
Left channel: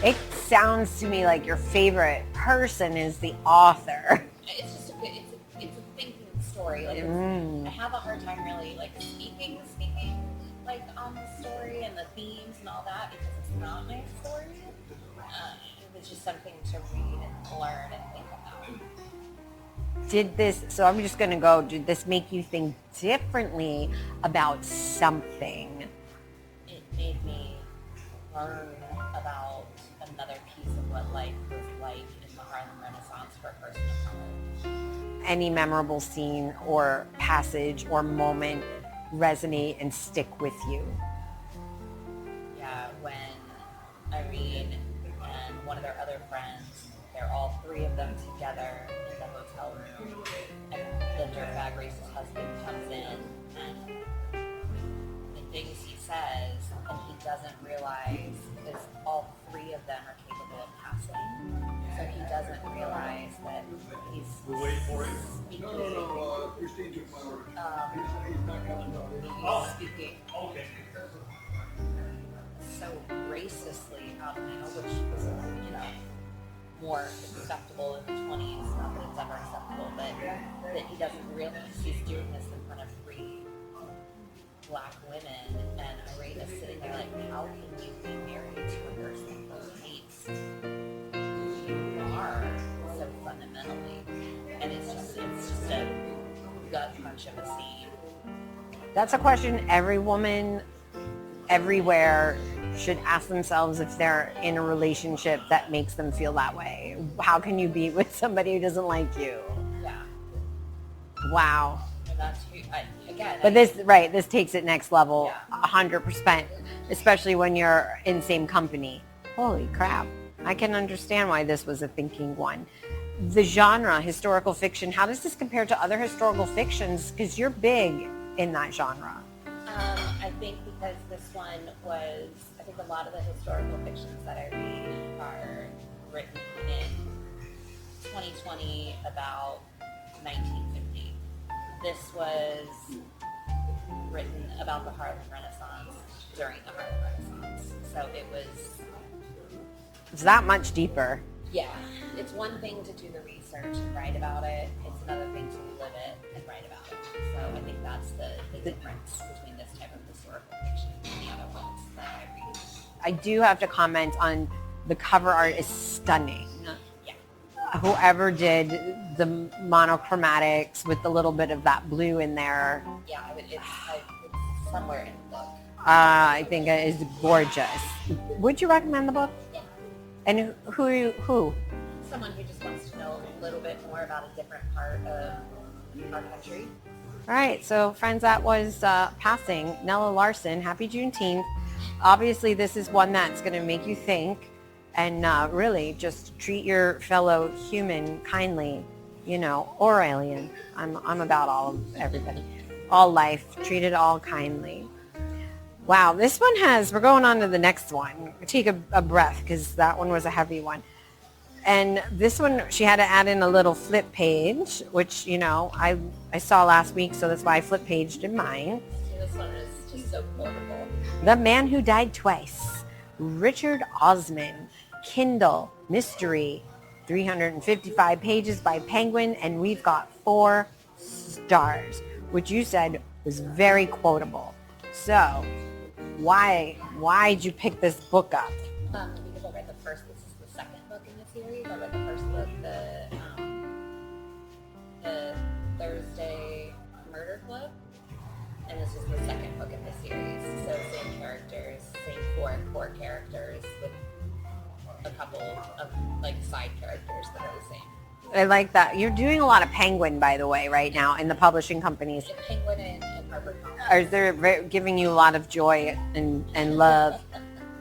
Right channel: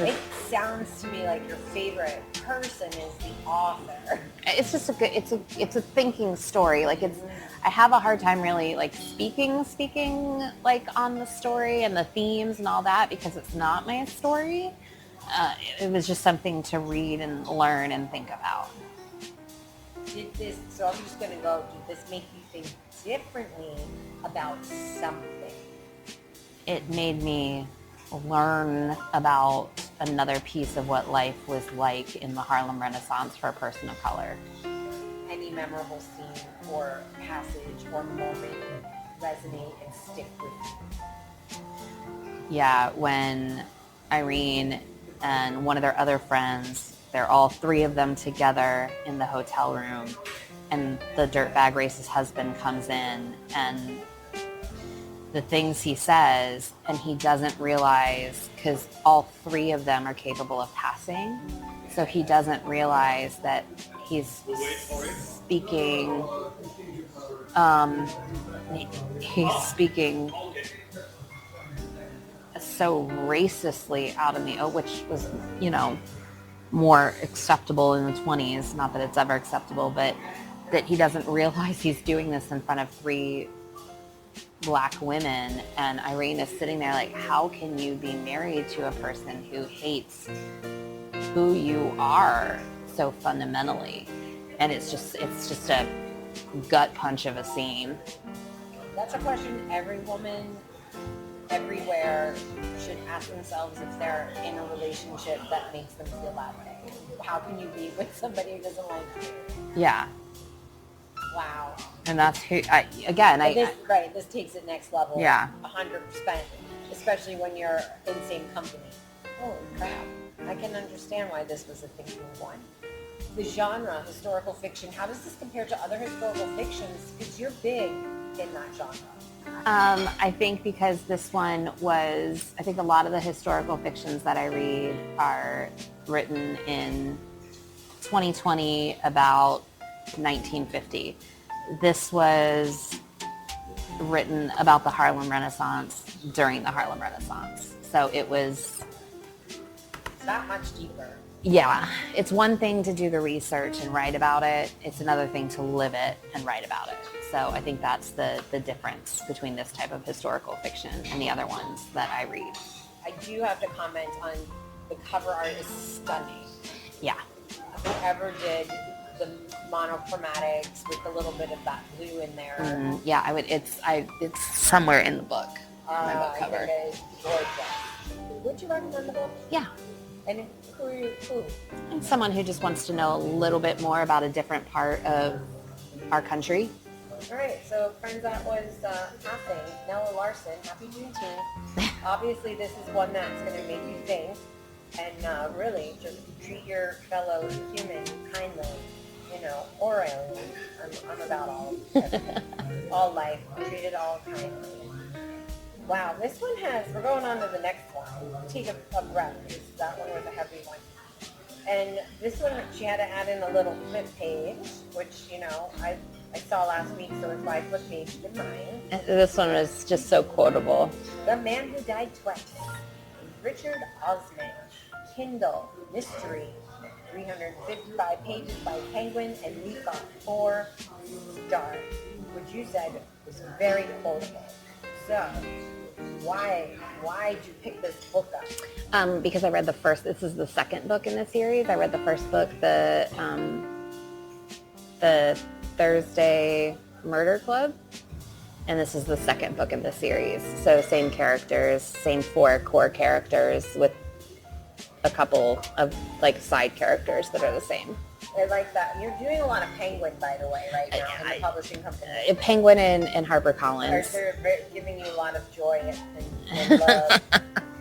It sounds to me like your favorite person is the author. It's just it's a thinking story. Like I have a hard time really like speaking like on the story and the themes and all that because it's not my story. It was just something to read and learn and think about. Did this make you think differently about something? It made me learn about another piece of what life was like in the Harlem Renaissance for a person of color. Any memorable scene or passage or moment resonate and stick with you? Yeah, when Irene and one of their other friends, they're all three of them together in the hotel room, and the dirtbag racist husband comes in, and the things he says, and he doesn't realize, because all three of them are capable of passing, so he doesn't realize that he's speaking, so racistly out in the open, which was, more acceptable in the 20s. Not that it's ever acceptable, but that he doesn't realize he's doing this in front of three black women. And Irene is sitting there like, how can you be married to a person who hates who you are so fundamentally? And it's just a gut punch of a scene. That's a question every woman everywhere should ask themselves if they're in a relationship that makes them feel that way. How can you be with somebody who doesn't like you? Yeah. Wow. And that's who, this takes it next level. Yeah. 100%, especially when you're in same company. Holy crap. I can understand why this was a thinking one. The genre, historical fiction, how does this compare to other historical fictions? Because you're big in that genre. I think because this one was, I think a lot of the historical fictions that I read are written in 2020 about 1950. This was written about the Harlem Renaissance during the Harlem Renaissance. So it's that much deeper. Yeah. It's one thing to do the research and write about it. It's another thing to live it and write about it. So I think that's the difference between this type of historical fiction and the other ones that I read. I do have to comment on the cover art is stunning. Yeah. Whoever did the monochromatics with a little bit of that blue in there. Yeah, it's somewhere in the book. I think it is gorgeous. Would you recommend the book? Yeah. And who? And someone who just wants to know a little bit more about a different part of our country. All right, so friends, that was passing Nella Arsen. Happy Juneteenth. Obviously, this is one that's going to make you think and really just treat your fellow human kindly, or alien. I'm about all of everything. All life, treat it all kindly. Wow, this one we're going on to the next one. Take a breath because that one was a heavy one. And this one, she had to add in a little flip page, which, I saw last week, so that's why I flip paged in mine. This one was just so quotable. The Man Who Died Twice, Richard Osman, Kindle, mystery, 355 pages by Penguin, and we've got 4 stars, which you said was very quotable. So, why'd you pick this book up? Because I read this is the second book in the series. I read the first book, the Thursday Murder Club, and this is the second book in the series. So same characters, same 4 core characters with a couple of like side characters that are the same. I like that. You're doing a lot of Penguin, by the way, right now in the publishing companies. Penguin and HarperCollins. They're giving you a lot of joy and love.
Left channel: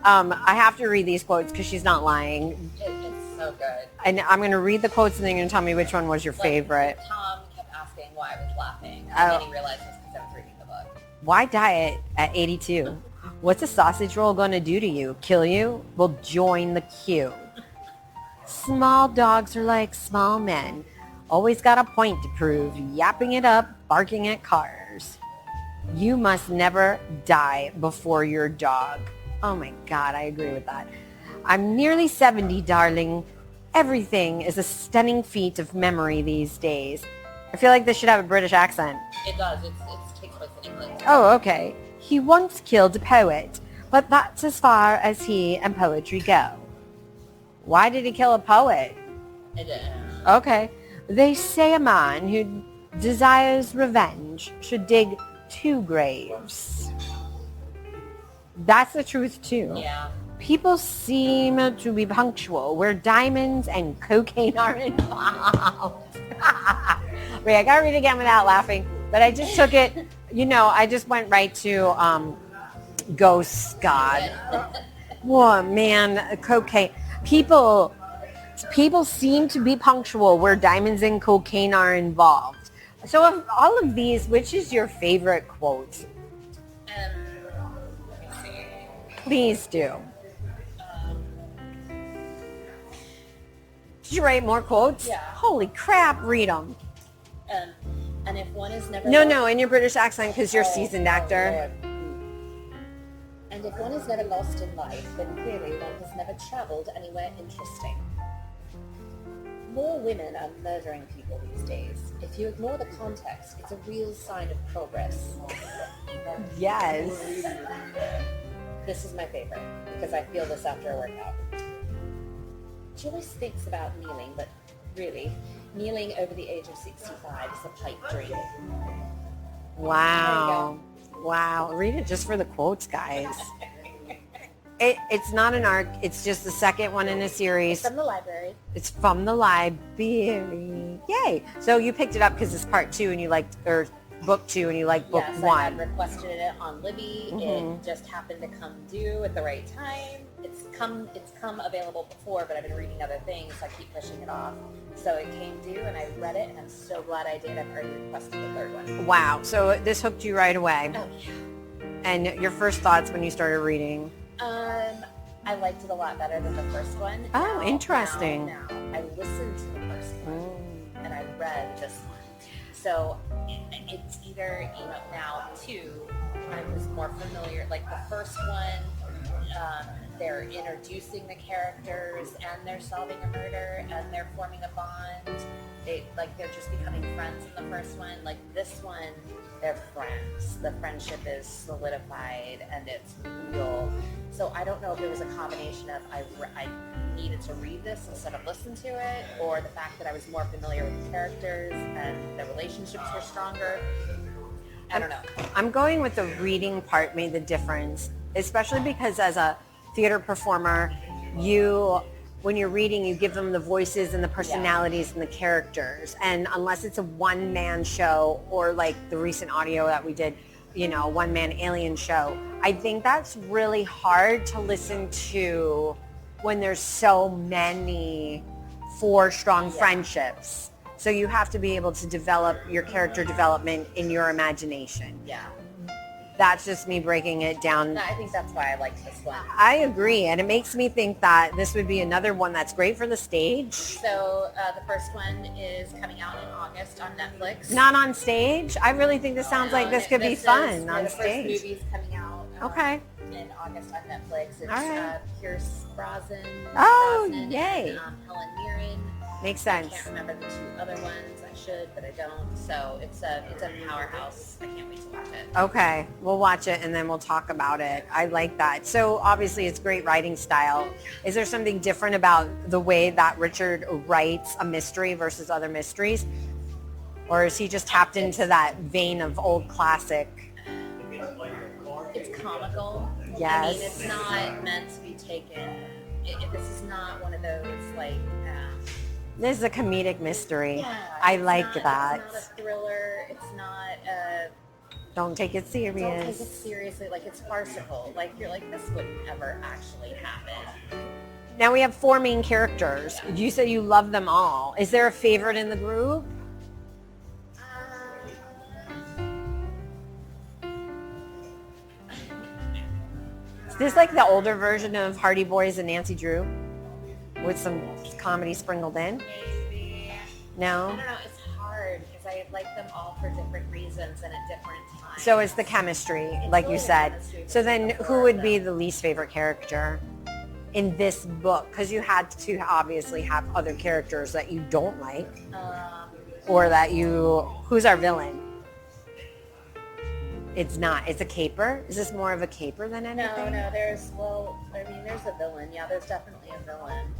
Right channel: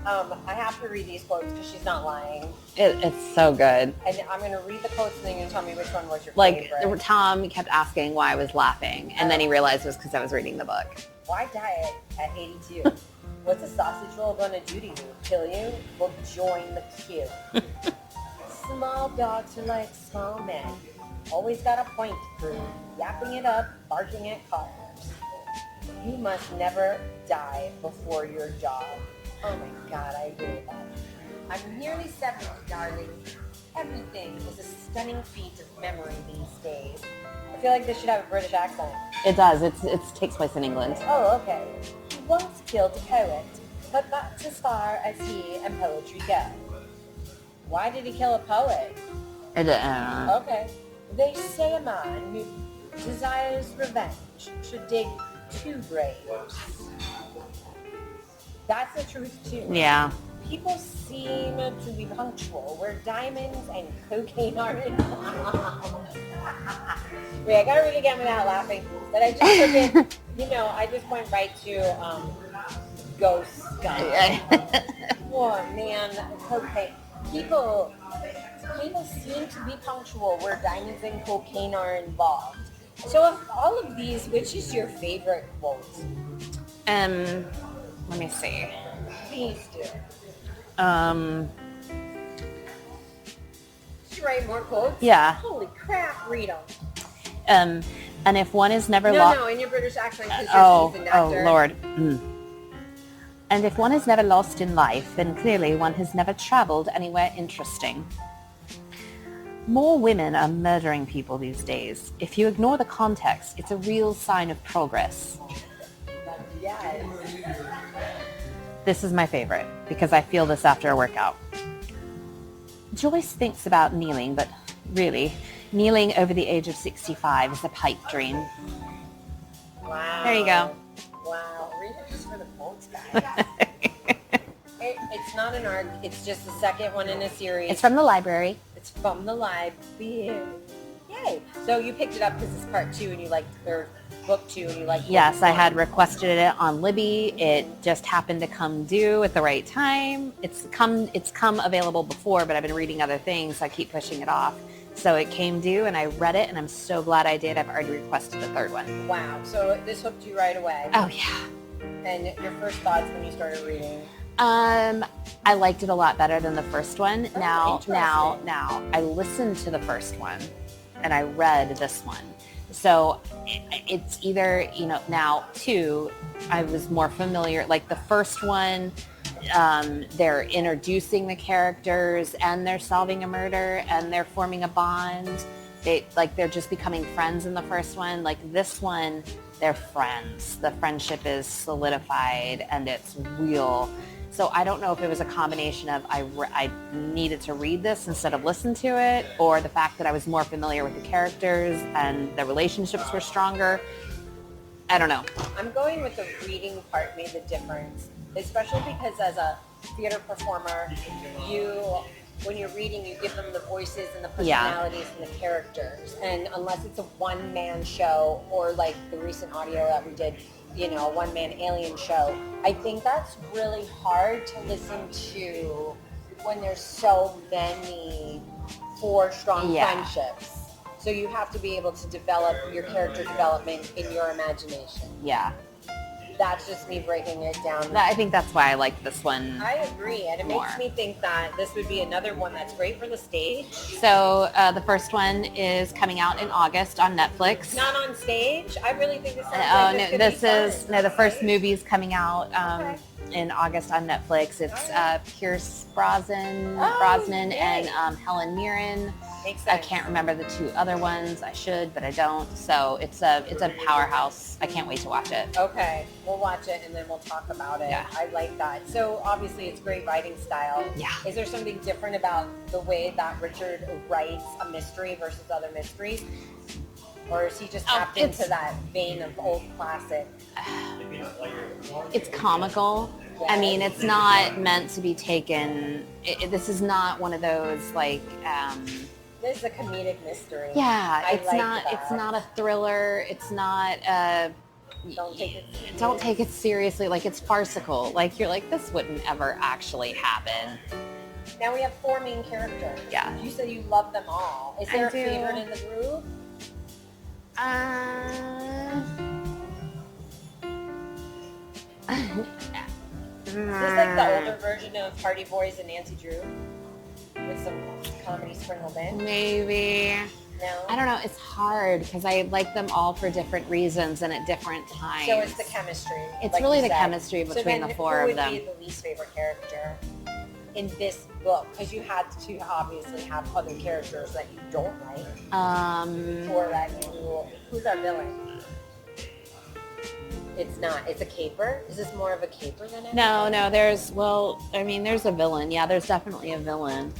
I have to read these quotes because she's not lying. It's so good. And I'm going to read the quotes and then you're going to tell me which one was your favorite. Tom kept asking why I was laughing, and then he realized it was because I was reading the book. Why diet at 82? What's a sausage roll going to do to you? Kill you? Well, join the queue. Small dogs are like small men. Always got a point to prove. Yapping it up, barking at cars. You must never die before your dog. Oh my God, I agree with that. I'm nearly 70, darling. Everything is a stunning feat of memory these days. I feel like this should have a British accent. It does. It takes place in England. Oh, okay. He once killed a poet, but that's as far as he and poetry go. Why did he kill a poet? Okay. They say a man who desires revenge should dig 2 graves. That's the truth, too. Yeah. People seem to be punctual where diamonds and cocaine are involved. Wait, I gotta read it again without laughing. But I just took it, I just went right to Ghost God. Oh, man, cocaine. People seem to be punctual where diamonds and cocaine are involved. So of all of these, which is your favorite quote? Let me see. Please do. Did you write more quotes? Yeah. Holy crap, read them. And if one is never No, in your British accent because you're a seasoned actor. Oh, Lord. And if one is never lost in life, then clearly one has never traveled anywhere interesting. More women are murdering people these days. If you ignore the context, it's a real sign of progress. Yes. This is my favorite because I feel this after a workout. Joyce thinks about kneeling, but really, kneeling over the age of 65 is a pipe dream. Wow. There you go. Wow. Read it just for the quotes, guys. It's not an arc. It's just the second one in a series. It's from the library. It's from the library. Yay. So you picked it up because it's part 2 and you liked, or book 2 and you liked book Yes, 1. I had requested it on Libby. It just happened to come due at the right time. It's come available before, but I've been reading other things, so I keep pushing it off. So it came due and I read it and I'm so glad I did. I've already requested the 3rd one. Wow. So this hooked you right away. Oh yeah. And your first thoughts when you started reading? I liked it a lot better than the first one. Oh, interesting. Now, I listened to the first one and I read this one. So it's either, now too, I was more familiar, like the first one, they're introducing the characters and they're solving a murder and they're forming a bond. They're just becoming friends in the first one. Like this one, they're friends. The friendship is solidified and it's real. So I don't know if it was a combination of I needed to read this instead of listen to it, or the fact that I was more familiar with the characters and the relationships were stronger. I don't know. I'm going with the reading part made the difference, especially because as a theater performer, when you're reading, you give them the voices and the personalities and the characters. And unless it's a one-man show or like the recent audio that we did, a one-man alien show, I think that's really hard to listen to when there's so many 4 strong friendships. So you have to be able to develop your character development in your imagination. Yeah. That's just me breaking it down. I think that's why I liked this one. I agree. And it makes me think that this would be another one that's great for the stage. So the first one is coming out in August on Netflix. Not on stage? I really think this sounds like this could be fun. No, the first movie is coming out in August on Netflix. It's Pierce Brosnan and Helen Mirren. Makes sense. I can't remember the 2 other ones. I should, but I don't. So it's a powerhouse. I can't wait to watch it. Okay. We'll watch it and then we'll talk about it. Yeah. I like that. So obviously it's great writing style. Yeah. Is there something different about the way that Richard writes a mystery versus other mysteries? Or is he just tapped into that vein of old classic? It's comical. Yes. I mean, it's not meant to be taken. This is not one of those like. This is a comedic mystery. Yeah, I like that. It's not a thriller. It's not. Don't take it serious. Don't take it seriously. Like it's farcical. Like you're like this wouldn't ever actually happen. Now we have 4 main characters. Yeah. You say you love them all. Is there a favorite in the group? Is this like the older version of Hardy Boys and Nancy Drew? With some comedy sprinkled in? Maybe. No? I don't know. It's hard because I like them all for different reasons and at different times. So it's the chemistry, It's like really you the said. chemistry between So then the 4 who of would them. be the least favorite character in this book? Because you had to obviously have other characters that you don't like or that you... Who's our villain? It's not. It's a caper? Is this more of a caper than anything? No, there's a villain. Yeah, there's definitely a villain.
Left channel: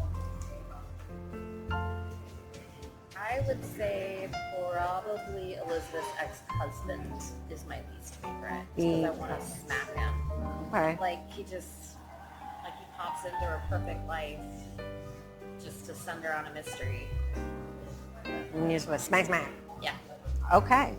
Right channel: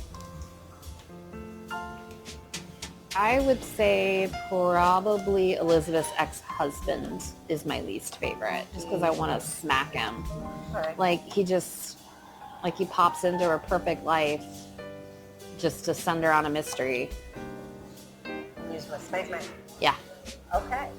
I would say probably Elizabeth's ex-husband is my least favorite, just because I want to smack him. Okay. Like he pops into her perfect life just to send her on a mystery. And you just want to smack. Yeah. Okay.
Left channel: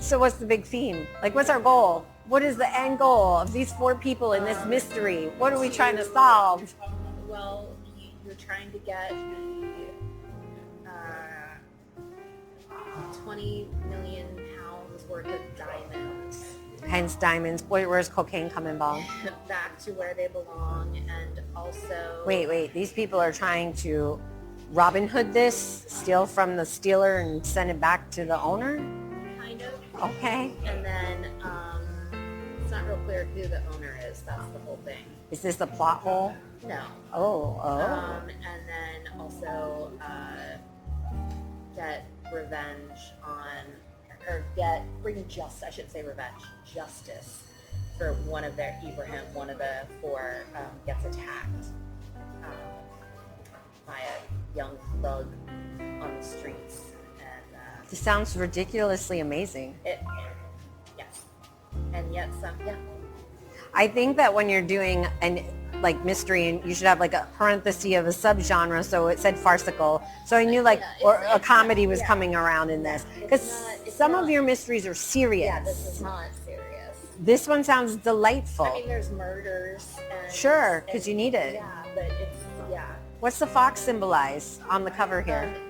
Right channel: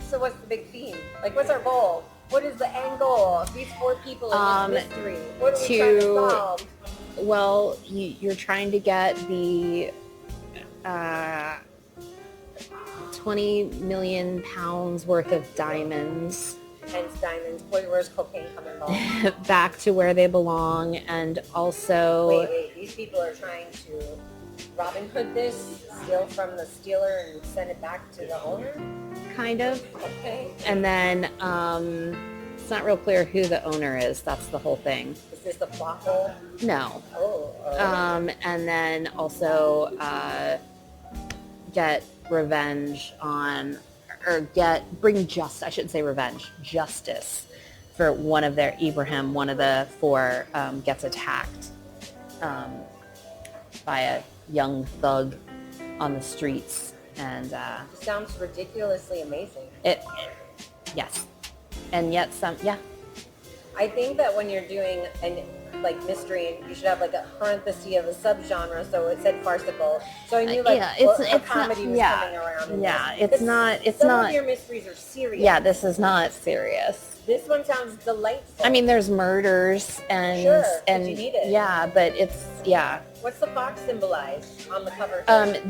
So what's the big theme? Like, what's our goal? What is the end goal of these 4 people in this mystery? What are we trying to solve? Well, you're trying to get the 20 million pounds worth of diamonds. Hence diamonds. Where's cocaine come involved? Back to where they belong, and also... Wait. These people are trying to Robin Hood this, steal from the stealer and send it back to the owner? Kind of. Okay. And then it's not real clear who the owner is. That's the whole thing. Is this a plot hole? No. Oh. And then also get revenge on, or bring justice for one of their, Ibrahim, one of the 4 gets attacked by a young thug on the streets. And This sounds ridiculously amazing. Yes. And yet I think that when you're doing mystery, and you should have like a parenthesis of a subgenre, so it said farcical. So I knew a comedy was coming around in this. Some of your mysteries are serious. Yeah, this is not serious. This one sounds delightful. I mean, there's murders and... Sure, because you need it. Yeah, but What's the fox symbolize on the cover here?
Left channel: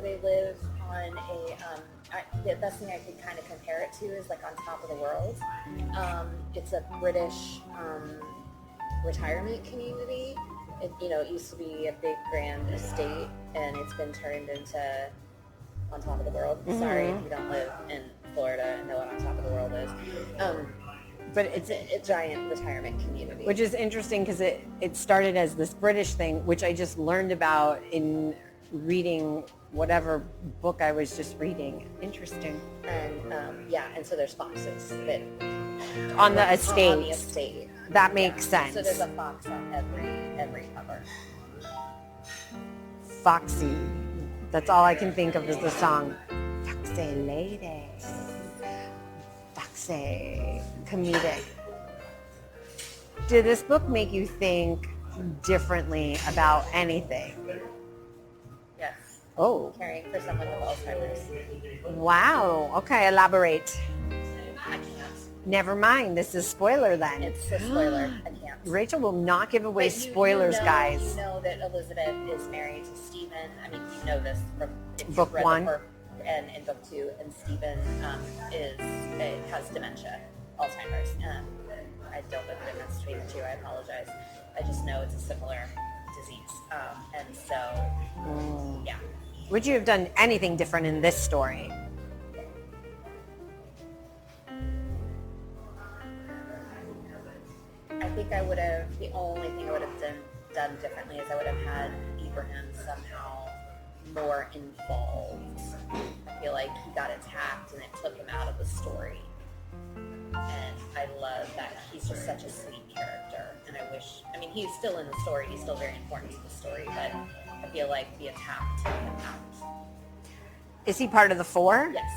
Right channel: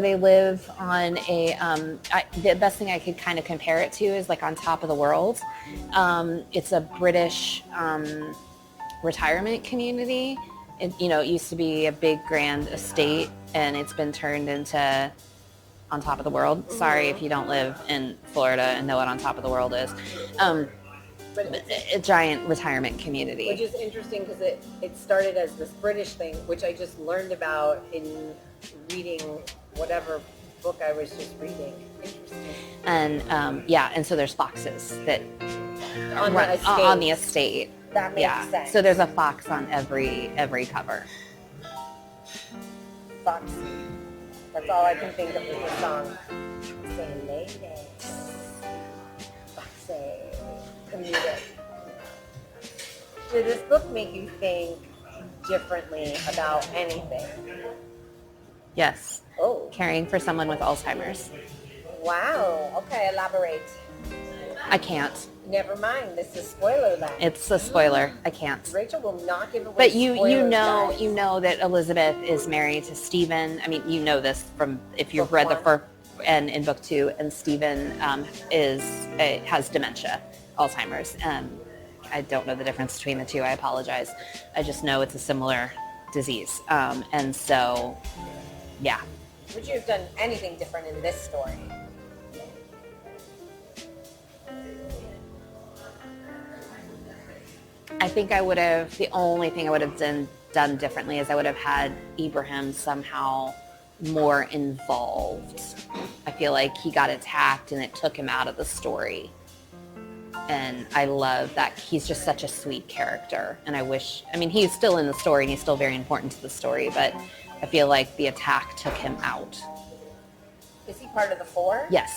They live on a, the best thing I could kind of compare it to is like on top of the world. It's a British retirement community. It used to be a big grand estate, and it's been turned into on top of the world. Mm-hmm. Sorry if you don't live in Florida and know what on top of the world is. But it's a giant retirement community. Which is interesting because it started as this British thing, which I just learned about in reading whatever book I was just reading. Interesting. And and so there's foxes that on the estate. That makes sense. So there's a fox on every cover. Foxy. That's all I can think of is the song. Foxy lady. Foxy. Comedic. Did this book make you think differently about anything? Yes. Oh. Caring for someone with Alzheimer's. Wow. Okay, elaborate. I can't. Never mind. This is spoiler then. It's a spoiler. I can't. Rachel will not give away spoilers, guys. You know that Elizabeth is married to Stephen. I mean, you know this from if you've Book read one. the first and in book 2, and Stephen has dementia, Alzheimer's. I don't know the difference between the 2. I apologize. I just know it's a similar disease. And so, yeah. Would you have done anything different in this story? I think the only thing I would have done differently is I would have had Ibrahim somehow more involved. I feel like he got attacked and it took him out of the story. And I love that he's just such a sweet character. And he's still in the story and he's still very important to the story, but I feel like the attack took him out. Is he part of the 4? Yes.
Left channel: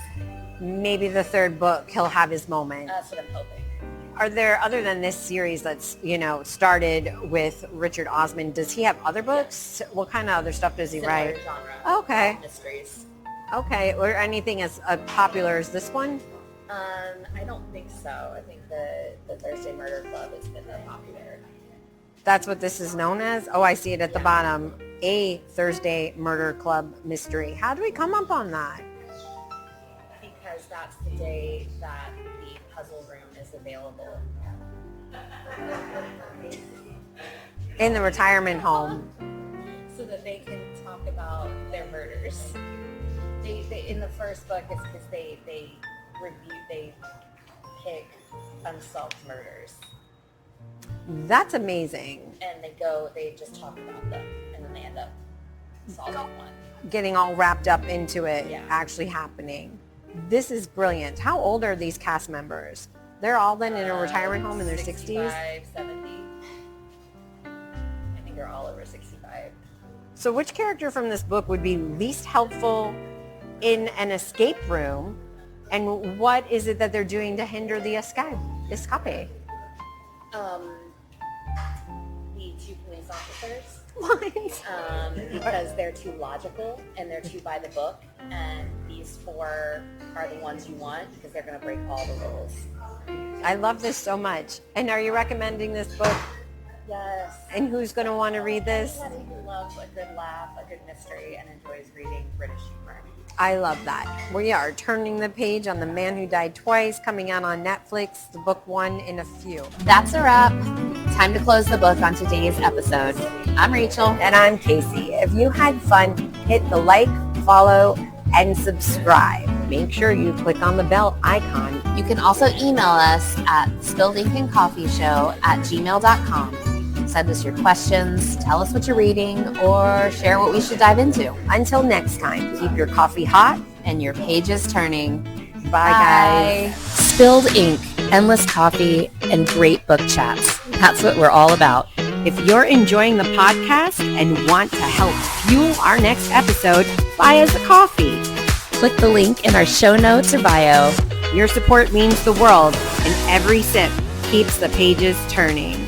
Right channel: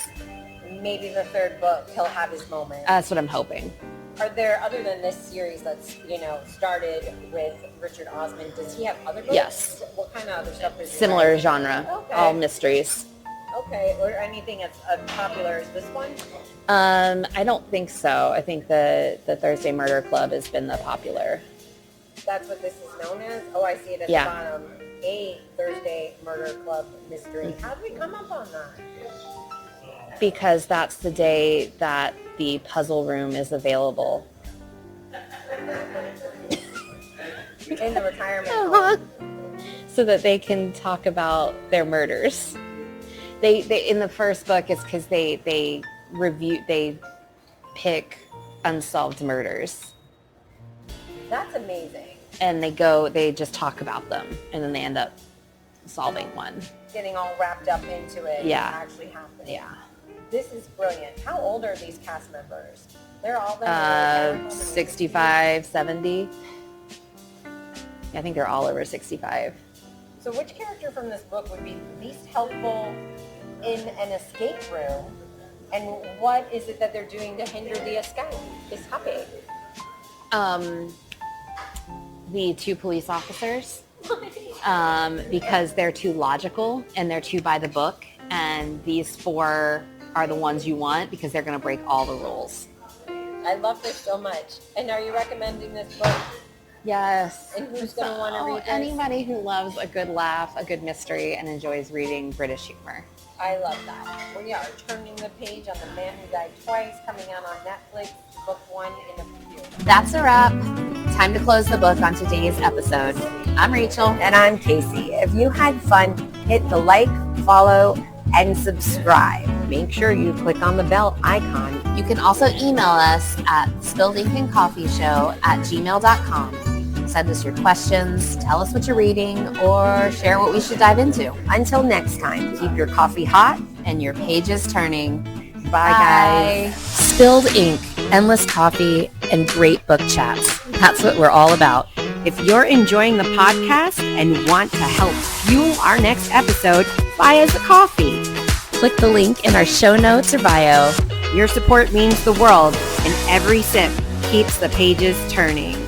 Maybe the 3rd book, he'll have his moment. That's what I'm hoping. Are there, other than this series that's, started with Richard Osman, does he have other books? Yes. What kind of other stuff does he Similar write? genre. Okay. All mysteries. Okay. Or anything as popular as this one? I don't think so. I think the Thursday Murder Club has been the popular. That's what this is known as? Oh, I see it at the bottom. A Thursday Murder Club mystery. How do we come up on that? Because that's the day that the puzzle room is available. In the retirement home. So that they can talk about their murders. They in the first book, it's because they pick unsolved murders. That's amazing. And they just talk about them, and then they end up solving one. Getting all wrapped up into it. Yeah. Actually happening. Yeah. This is brilliant. How old are these cast members? They're all then in a retirement home in their 65, 60s? 70. I think they're all over 65. So which character from this book would be least helpful in an escape room? And what is it that they're doing to hinder the escape? The 2 police officers. What? Because they're too logical and they're too by the book. And these 4 are the ones you want because they're going to break all the rules. I love this so much. And are you recommending this book? Yes. And who's going to want to read this? Anybody who loves a good laugh, a good mystery, and enjoys reading British humor. I love that. We are turning the page on The Man Who Died Twice, coming out on Netflix, the book 1 in a few. That's a wrap. Time to close the book on today's episode. I'm Rachel. And I'm Casey. If you had fun, hit the like, follow, and subscribe. Make sure you click on the bell icon. You can also email us at spilledinkancoffieshow@gmail.com. Send us your questions, tell us what you're reading, or share what we should dive into. Until next time, keep your coffee hot and your pages turning. Bye, guys. Spilled ink, endless coffee, and great book chats. That's what we're all about. If you're enjoying the podcast and want to help fuel our next episode, buy us a coffee. Click the link in our show notes or bio. Your support means the world, and every sip keeps the pages turning.